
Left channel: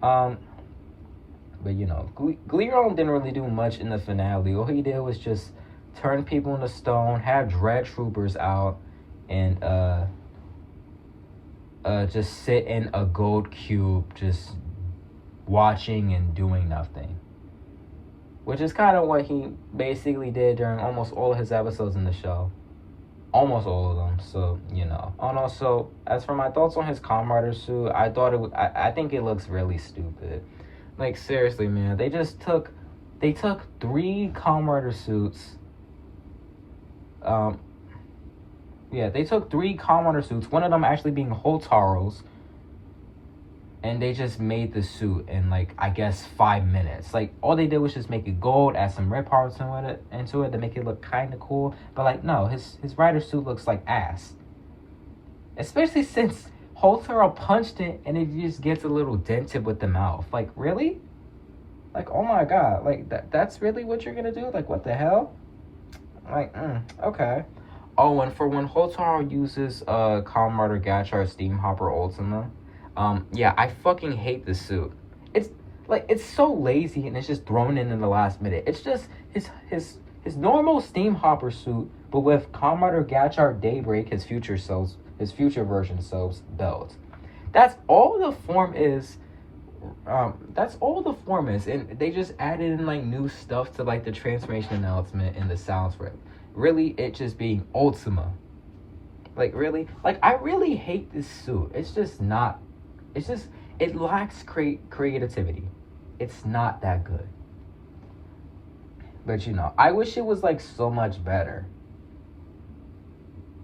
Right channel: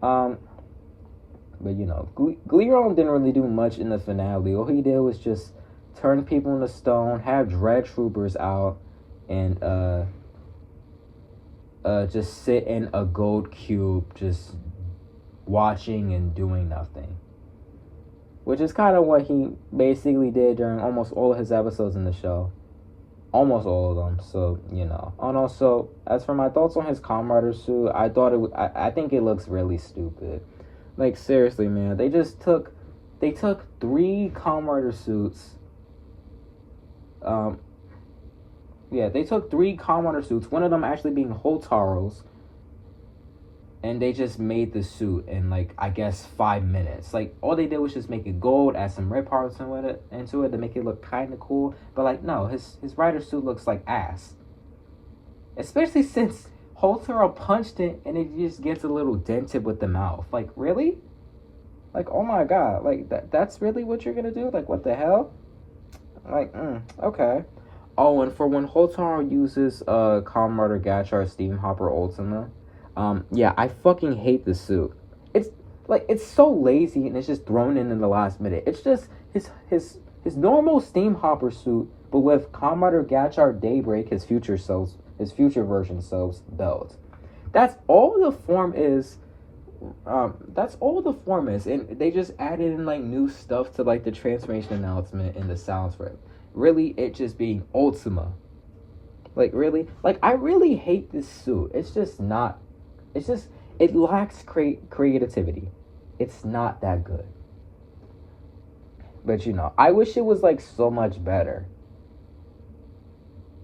But you know, Gliron didn't really do much in the finale. All he did was just turn people into stone, have dread troopers out, and just sit in a gold cube, just watching and doing nothing. Which is kind of what he basically did during almost all of his episodes in the show. Almost all of them, so, you know. And also, as for my thoughts on his Comrade suit, I think it looks really stupid. Like, seriously, man, they took 3 Comrade suits. They took 3 Comrade suits, one of them actually being Hotaro's, and they just made the suit in, like, I guess 5 minutes. Like, all they did was just make it gold, add some rip parts into it to make it look kind of cool. But, like, no, his rider suit looks like ass. Especially since Hotaro punched it and it just gets a little dented with the mouth. Like, really? Like, oh my god. Like, that's really what you're gonna do? Like, what the hell? Like, okay. Oh, and for when Hotaro uses Comrade Gotchard Steam Hopper Ultima, I fucking hate the suit. It's so lazy and it's just thrown in the last minute. It's just his normal Steam Hopper suit, but with Comrade Gotchard Daybreak, his future version sells belt. That's all the form is. And they just added in like new stuff to like the transformation announcement and the sounds for it. Really, it just being Ultima. Like, really? Like, I really hate this suit. It's just not. It lacks creativity. It's not that good. But, you know, I wish it was, like, so much better.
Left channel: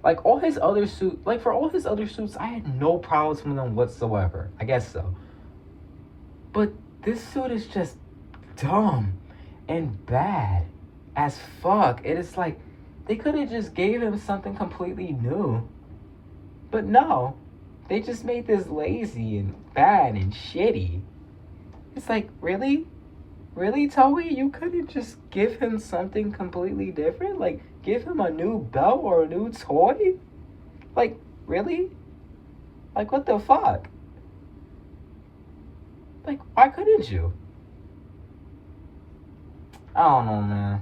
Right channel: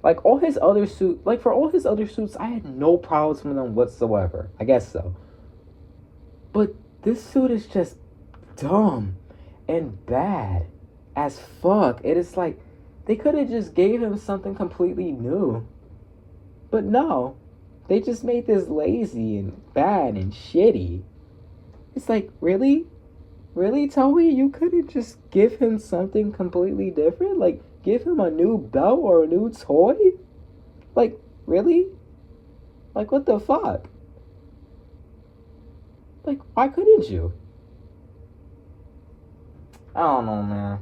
Like, for all his other suits, I had no problems with them whatsoever. I guess so. But this suit is just dumb and bad as fuck. It is like, they could have just gave him something completely new. But no. They just made this lazy and bad and shitty. It's like, really? Really, Toei? You couldn't just give him something completely different? Like, give him a new belt or a new toy? Like, really? Like, what the fuck? Like, why couldn't you? I don't know, man.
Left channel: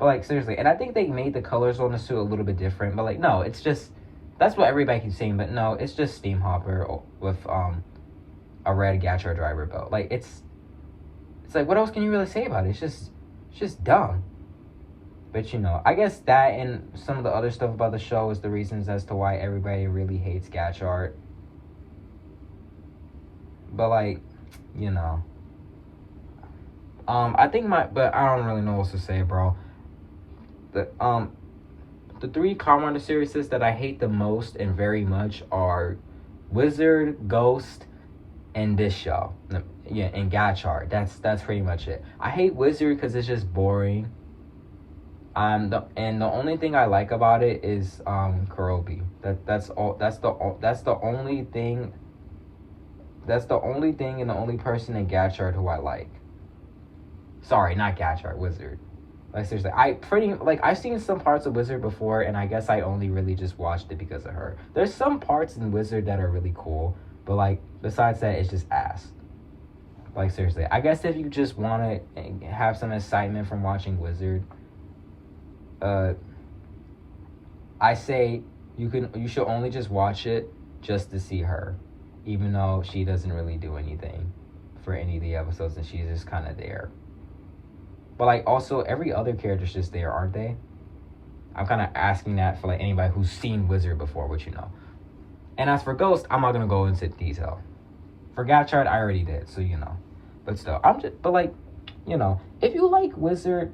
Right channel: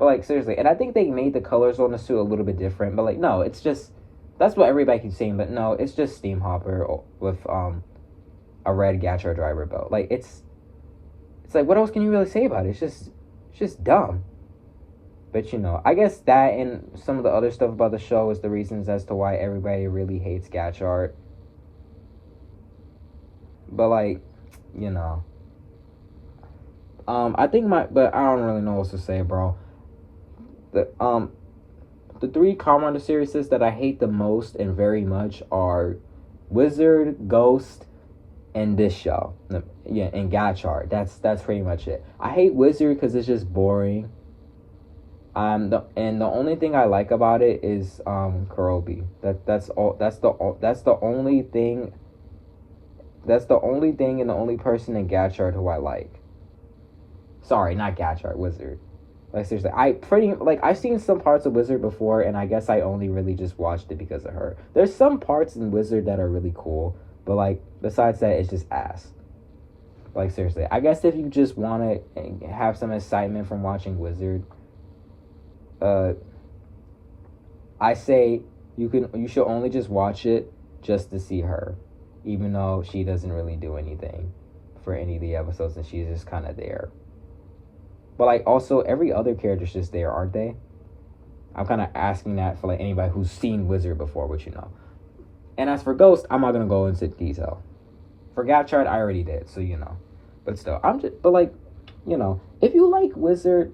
But, like, seriously. And I think they made the colors on the suit a little bit different. But, like, no, it's just... That's what everybody keeps saying, but no, it's just Steam Hopper with a red Gotchard driver belt. Like, it's like, what else can you really say about it? It's just dumb. But, you know, I guess that and some of the other stuff about the show is the reasons as to why everybody really hates Gotchard. But, like, you know, but I don't really know what to say, bro. The 3 Comrade series that I hate the most and very much are Wizard, Ghost, and this show. Yeah, and Gotchard. That's pretty much it. I hate Wizard because it's just boring. The only thing I like about it is Kurobi. That's the only thing. That's the only thing and the only person in Gotchard who I like. Sorry, not Gotchard, Wizard. Like, seriously, I've seen some parts of Wizard before, and I guess I only really just watched it because of her. There's some parts in Wizard that are really cool, but, like, besides that, it's just ass. Like, seriously, I guess if you just want to have some excitement from watching Wizard, I say you should only just watch it just to see her, even though she doesn't really do anything for any of the episodes, and she's just kind of there. But, like, also, every other character's just there, aren't they? I'm kind of asking that for, like, anybody who's seen Wizard before, which you know. And as for Ghost, I'm not going to go into detail. For Gotchard, I already did, so, you know. But still, but, like, you know, if you like Wizard,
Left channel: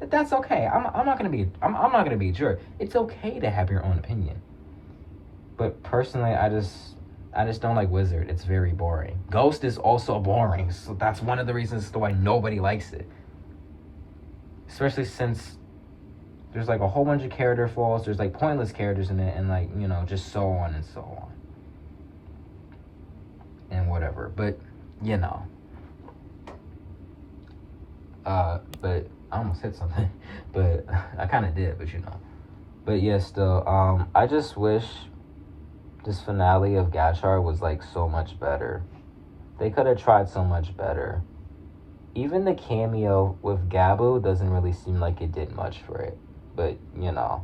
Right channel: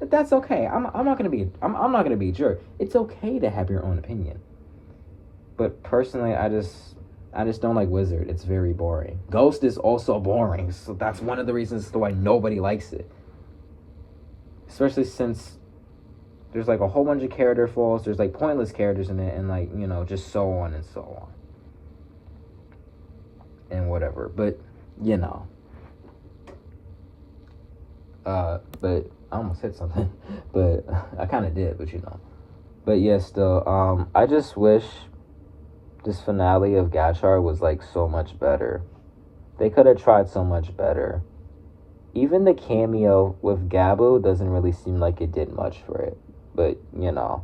that's okay. I'm not going to be a jerk. It's okay to have your own opinion. But, personally, I just don't like Wizard. It's very boring. Ghost is also boring, so that's one of the reasons as to why nobody likes it. Especially since there's like a whole bunch of character flaws. There's like pointless characters in it, and like, you know, just so on and so on. And whatever. But, you know. But I almost hit something. But I kind of did, but you know. But yeah, still, I just wish this finale of Gotchard was like so much better. They could have tried so much better. Even the cameo with Gabu doesn't really seem like it did much for it. But, you know.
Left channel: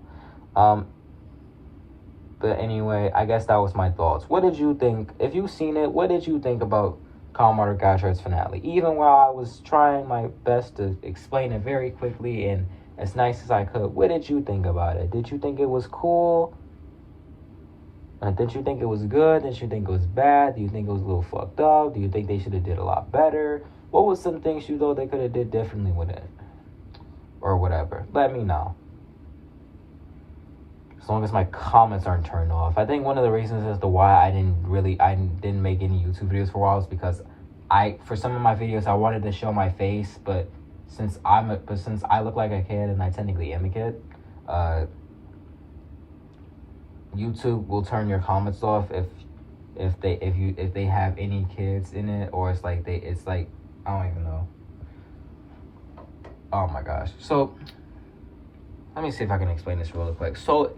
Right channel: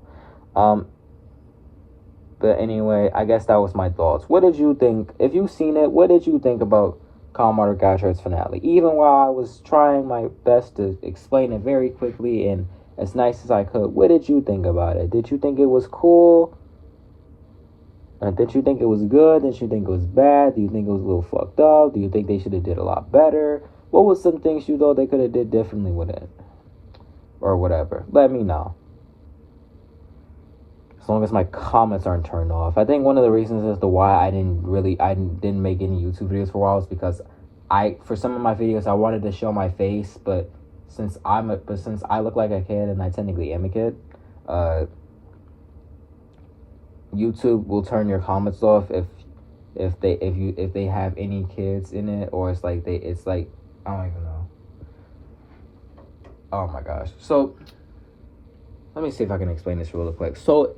But anyway, I guess that was my thoughts. What did you think? If you've seen it, what did you think about Kamen Gotchard's finale? Even while I was trying my best to explain it very quickly and as nice as I could, what did you think about it? Did you think it was cool? Or did you think it was good? Did you think it was bad? Do you think it was a little fucked up? Do you think they should have did a lot better? What was some things you thought they could have did differently with it? Or whatever. Let me know. As long as my comments aren't turned off. I think one of the reasons as to why I didn't make any YouTube videos for a while is because for some of my videos I wanted to show my face, but since I look like a kid and I technically am a kid, YouTube will turn your comments off if they have any kids in it, or it's like I don't even know. Oh my gosh. So let me see if I can explain this really quick. So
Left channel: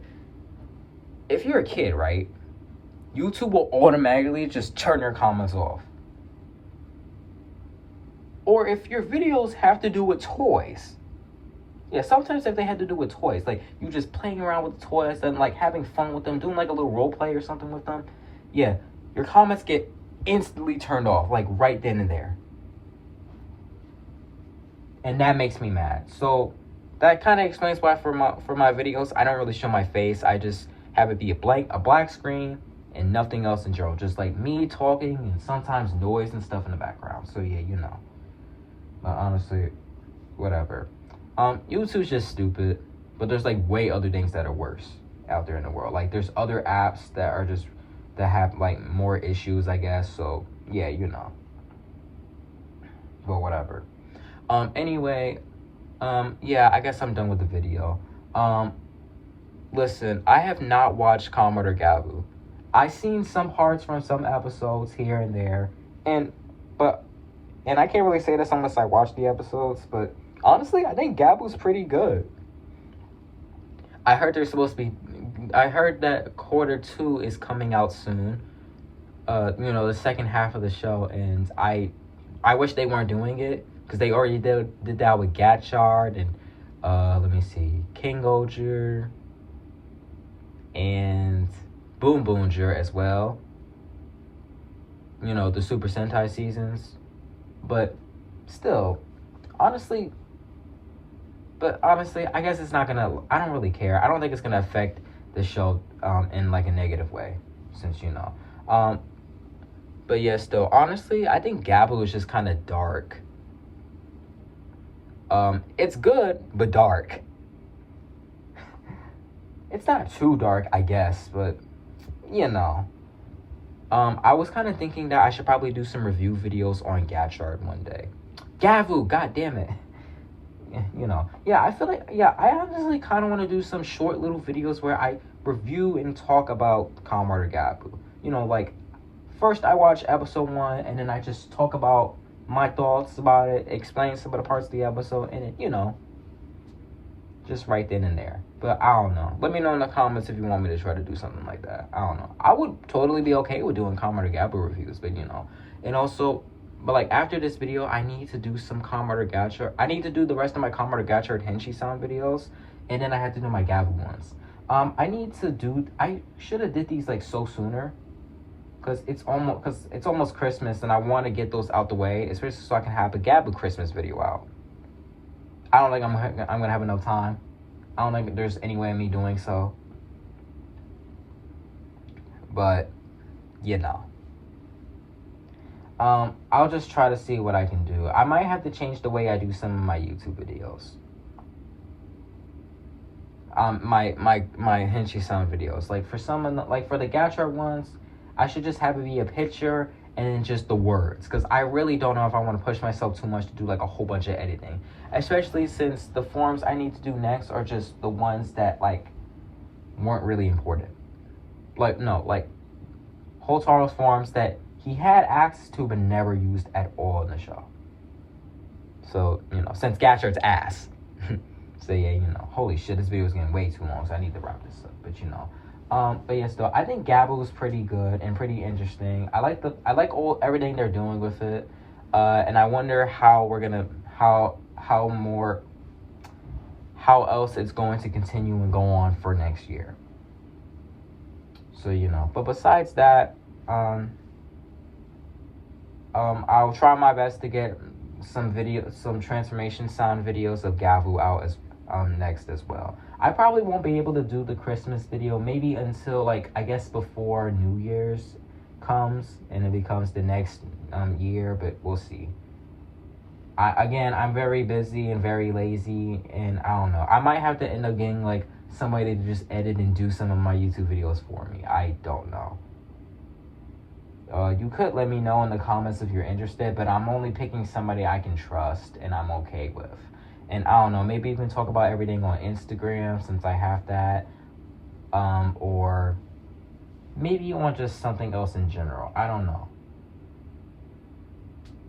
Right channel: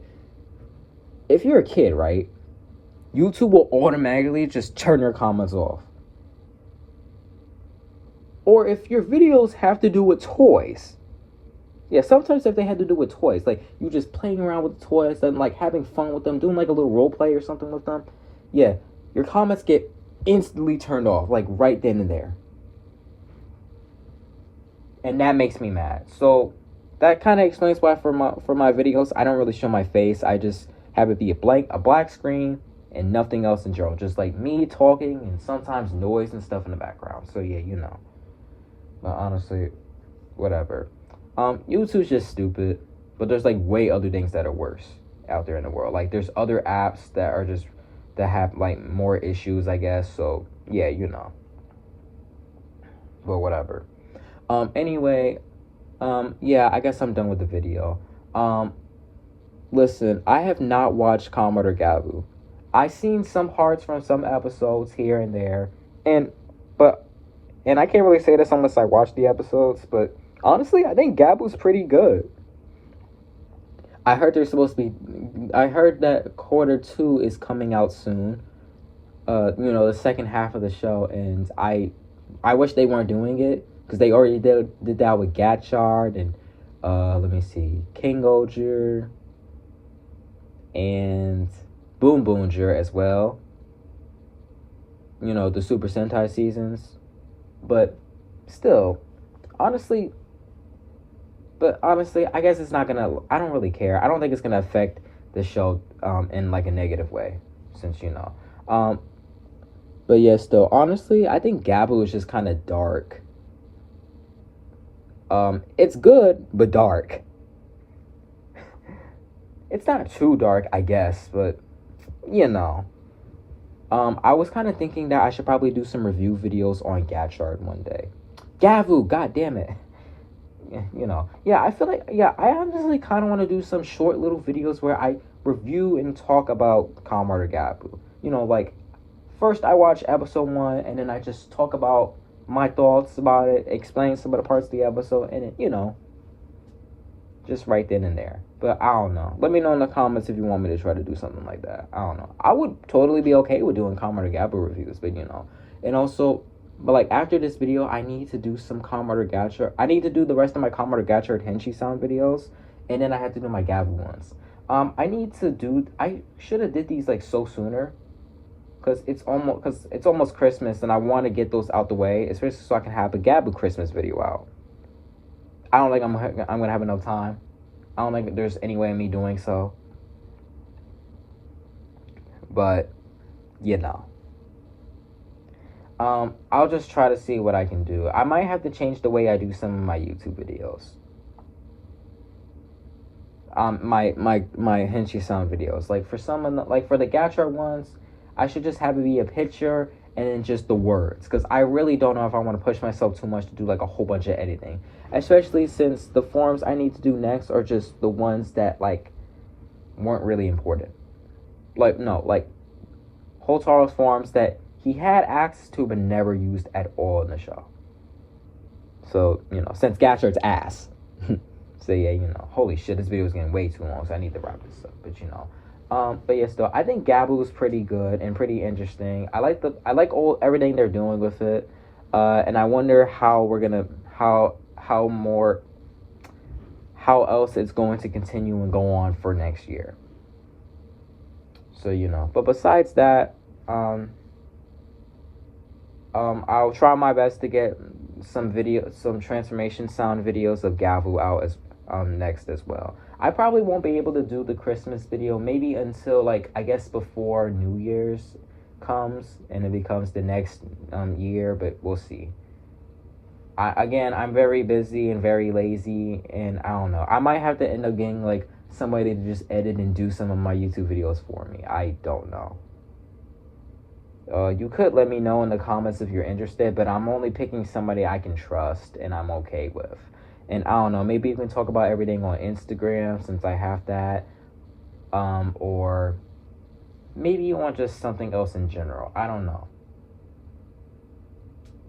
if you're a kid, right, YouTube will automatically just turn your comments off. Or if your videos have to do with toys. Yeah, sometimes if they had to do with toys, like you just playing around with the toys and like having fun with them, doing like a little role play or something with them, yeah, your comments get instantly turned off, like right then and there. And that makes me mad. So that kind of explains why for my videos, I don't really show my face. I just have it be a black screen and nothing else in general. Just like me talking and sometimes noise and stuff in the background. So yeah, you know. But honestly, whatever. YouTube's just stupid. But there's like way other things that are worse out there in the world. Like there's other apps that have like more issues, I guess. So yeah, you know. But whatever. Anyway, yeah, I guess I'm done with the video. Listen, I have not watched Kamen Gabu. I've seen some parts from some episodes here and there, and I can't really say this unless I watch the episodes, but honestly, I think Gabu's pretty good. I heard that quarter 2 is coming out soon. You know, the second half of the show, and I wish they weren't doing it, because they already did that with Gotchard and let me see, King Gotchard and Boom Boonger as well. You know, the Super Sentai seasons. But still, honestly, I guess it's not gonna, I don't really care. I don't think it's gonna affect the show in like a negative way, since you know. But yeah, still, honestly, I think Gabu is just kind of dark. It's good, but dark. It's not too dark, I guess, but, you know. I was kind of thinking that I should probably do some review videos on Gotchard one day. Gavu, god damn it. You know. Yeah, I feel like, yeah, I honestly kind of want to do some short little videos where I review and talk about Kamen Gabu. You know, like, first I watch episode 1, and then I just talk about my thoughts about it, explain some of the parts of the episode, and then, you know, just right then and there. But I don't know. Let me know in the comments if you want me to try to do something like that. I don't know. I would totally be okay with doing Kamen Gabu reviews, but you know. And also, but like after this video, I need to do some Kamen Gotchard. I need to do the rest of my Kamen Gotchard Henshi sound videos, and then I have to do my Gabu ones. I should have did these like so sooner, because it's almost Christmas, and I want to get those out the way, especially so I can have a Gabu Christmas video out. I don't think I'm gonna have enough time. I don't think there's any way of me doing so. But, you know. I'll just try to see what I can do. I might have to change the way I do some of my YouTube videos. My Henshi sound videos. Like for some of the, like for the Gotchard ones, I should just have it be a picture and then just the words, because I really don't know if I want to push myself too much to do like a whole bunch of editing, especially since the forms I need to do next are just the ones that like weren't really important. Like, no, like Hotaro's forms that he had access to but never used at all in the show. So, you know, since Gotchard's ass. So yeah, you know, holy shit, this video is getting way too long, so I need to wrap this up. But you know, but yeah, still, I think Gabu is pretty good and pretty interesting. I like everything they're doing with it, and I wonder how else it's going to continue and go on for next year. So you know, but besides that, I'll try my best to get some transformation sound videos of Gavu out as next as well. I probably won't be able to do the Christmas video maybe until like I guess before New Year's comes and it becomes the next year, but we'll see. I'm very busy and very lazy, and I don't know. I might have to end up getting like somebody to just edit and do some of my YouTube videos for me. I don't know. You could let me know in the comments if you're interested, but I'm only picking somebody I can trust and I'm okay with. And I don't know, maybe you can talk about everything on Instagram since I have that. Or maybe you want just something else in general. I don't know.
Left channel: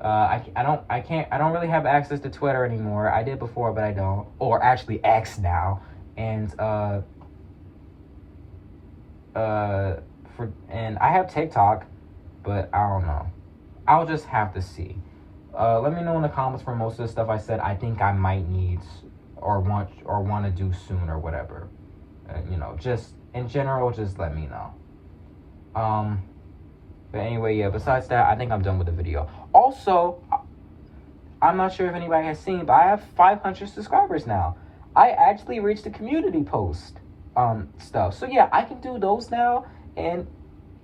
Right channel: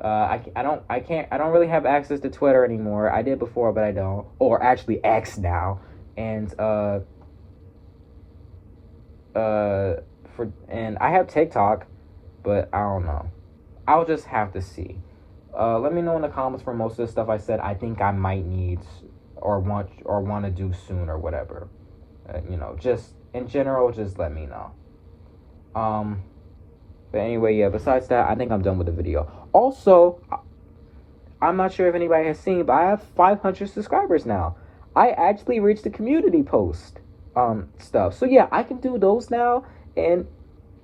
I don't really have access to Twitter anymore. I did before, but I don't. Or actually X now. And and I have TikTok, but I don't know. I'll just have to see. Let me know in the comments for most of the stuff I said I think I might need or want to do soon or whatever. You know, just in general, just let me know. But anyway, yeah, besides that, I think I'm done with the video. Also, I'm not sure if anybody has seen, but I have 500 subscribers now. I actually reached the community post stuff. So yeah, I can do those now, and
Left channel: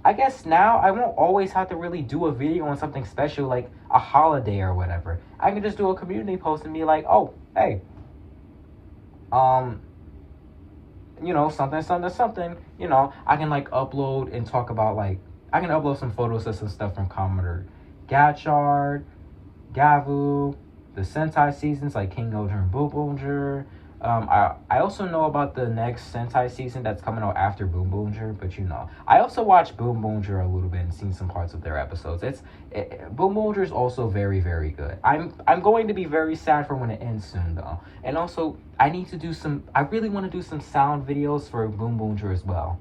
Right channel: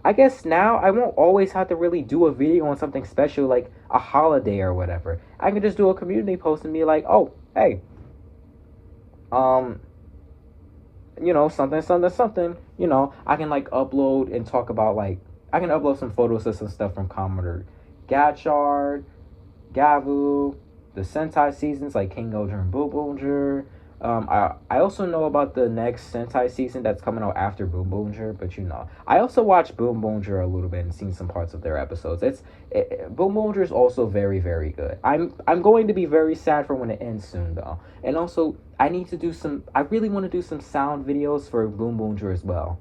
I guess now I won't always have to really do a video on something special like a holiday or whatever. I can just do a community post and be like, oh, hey, you know, something, you know, I can like upload and talk about like, I can upload some photos of some stuff from Kamen, Gotchard, Gavu, the Sentai seasons like King Gojira and Boom Boomger. I also know about the next Sentai season that's coming out after Boom Boomger, but you know, I also watched Boom Boomger a little bit and seen some parts of their episodes. Boom Boomger is also very, very good. I'm going to be very sad for when it ends soon though, and also I really want to do some sound videos for Boom Boomger as well.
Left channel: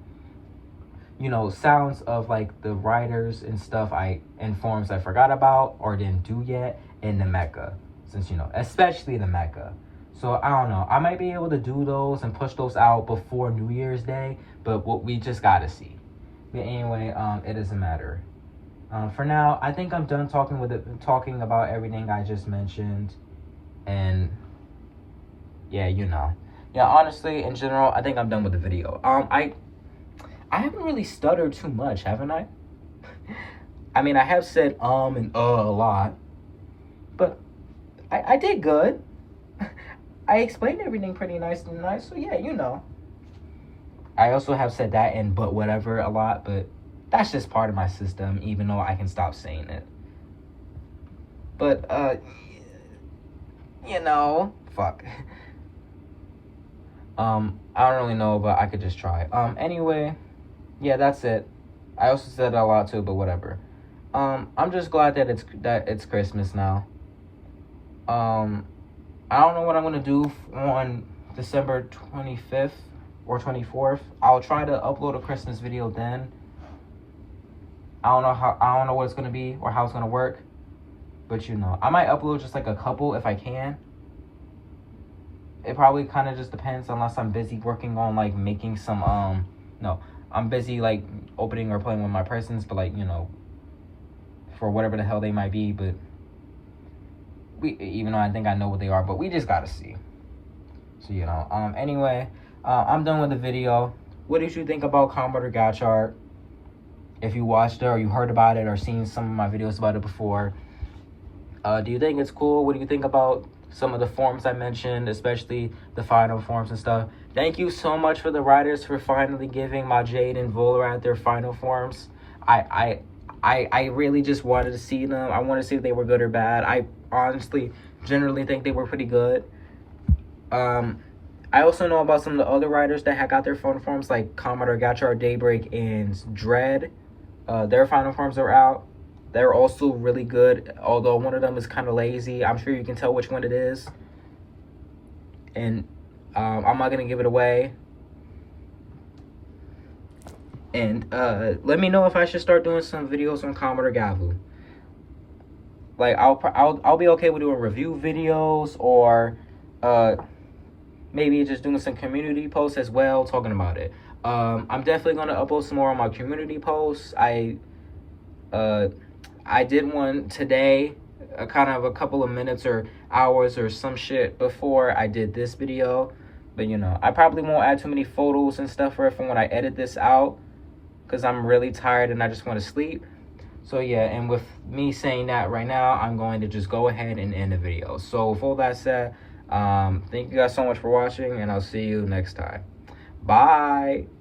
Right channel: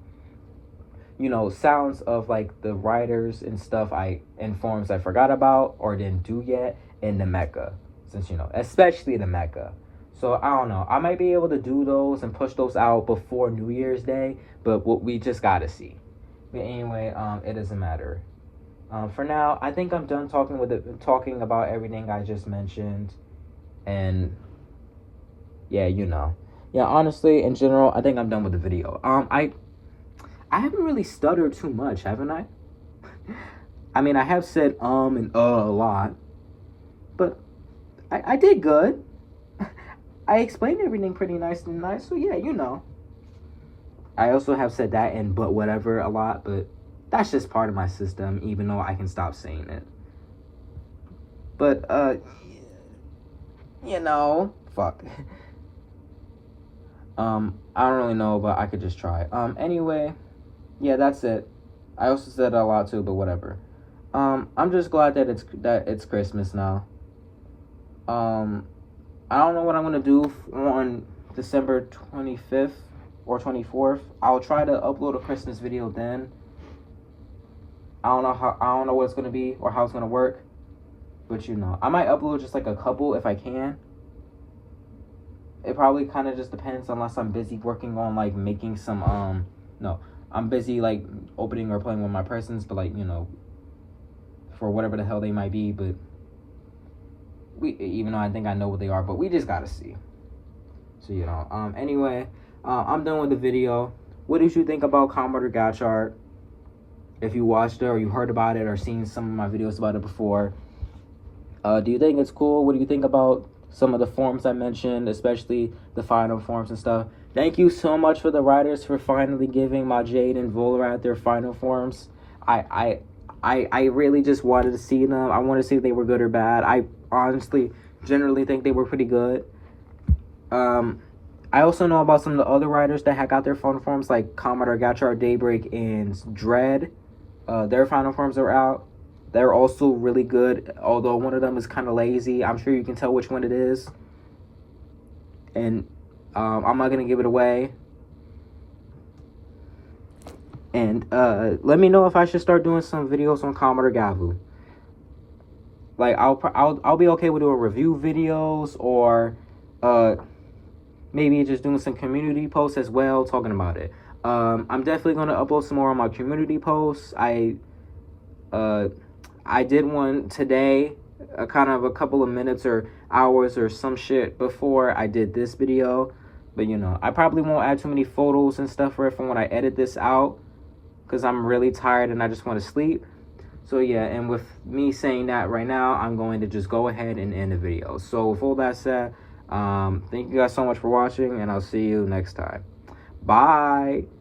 You know, sounds of like the writers and stuff in forms I forgot about or didn't do yet in the mecha, since you know, especially the mecha. So, I don't know. I might be able to do those and push those out before New Year's Day, but we just gotta see. But anyway, it doesn't matter. For now, I think I'm done talking about everything I just mentioned. And, yeah, you know. Yeah, honestly, in general, I think I'm done with the video. I haven't really stuttered too much, haven't I? I mean, I have said and a lot. But I did good. I explained everything pretty nice, so yeah, you know. I also have said that and but whatever a lot, but that's just part of my system, even though I can stop saying it. But, you know, fuck. I don't really know, but I could just try. Anyway, yeah, that's it. I also said a lot too, but whatever. I'm just glad that it's Christmas now. I don't know what I'm gonna do on December 25th or 24th. I'll try to upload a Christmas video then. I don't know what it's gonna be or how it's gonna work, but you know, I might upload just like a couple if I can. It probably kind of just depends, unless I'm busy working on like making some I'm busy like opening or playing with my presents, but like, you know, for whatever the hell they might be, but even though I think I know what they are, but we just gotta see. So, you know, anyway, I'm done with the video. What did you think about Kamen Gotchard? If you watched it or you heard about it or seen some of my videos about it before, do you think it's cool? What do you think about some of the forms I mentioned, especially the final forms and stuff? Thank you so much for the writers for finally giving my Jade and Volrat their final forms. I really just wanted to see them. I wanted to see if they were good or bad. I honestly generally think they were pretty good. I also know about some of the other writers that had got their final forms, like Kamen, Gotchard, Daybreak, and Dread. Their final forms are out. They're also really good, although one of them is kind of lazy. I'm sure you can tell which one it is. And I'm not going to give it away. And let me know if I should start doing some videos on Kamen or Gavu. Like, I'll be okay with doing review videos, or maybe just doing some community posts as well, talking about it. I'm definitely going to upload some more on my community posts. I did one today, kind of a couple of minutes or hours or some shit before I did this video. But, you know, I probably won't add too many photos and stuff for it from when I edit this out, because I'm really tired and I just want to sleep. So, yeah, and with me saying that right now, I'm going to just go ahead and end the video. So, with all that said, thank you guys so much for watching, and I'll see you next time. Bye!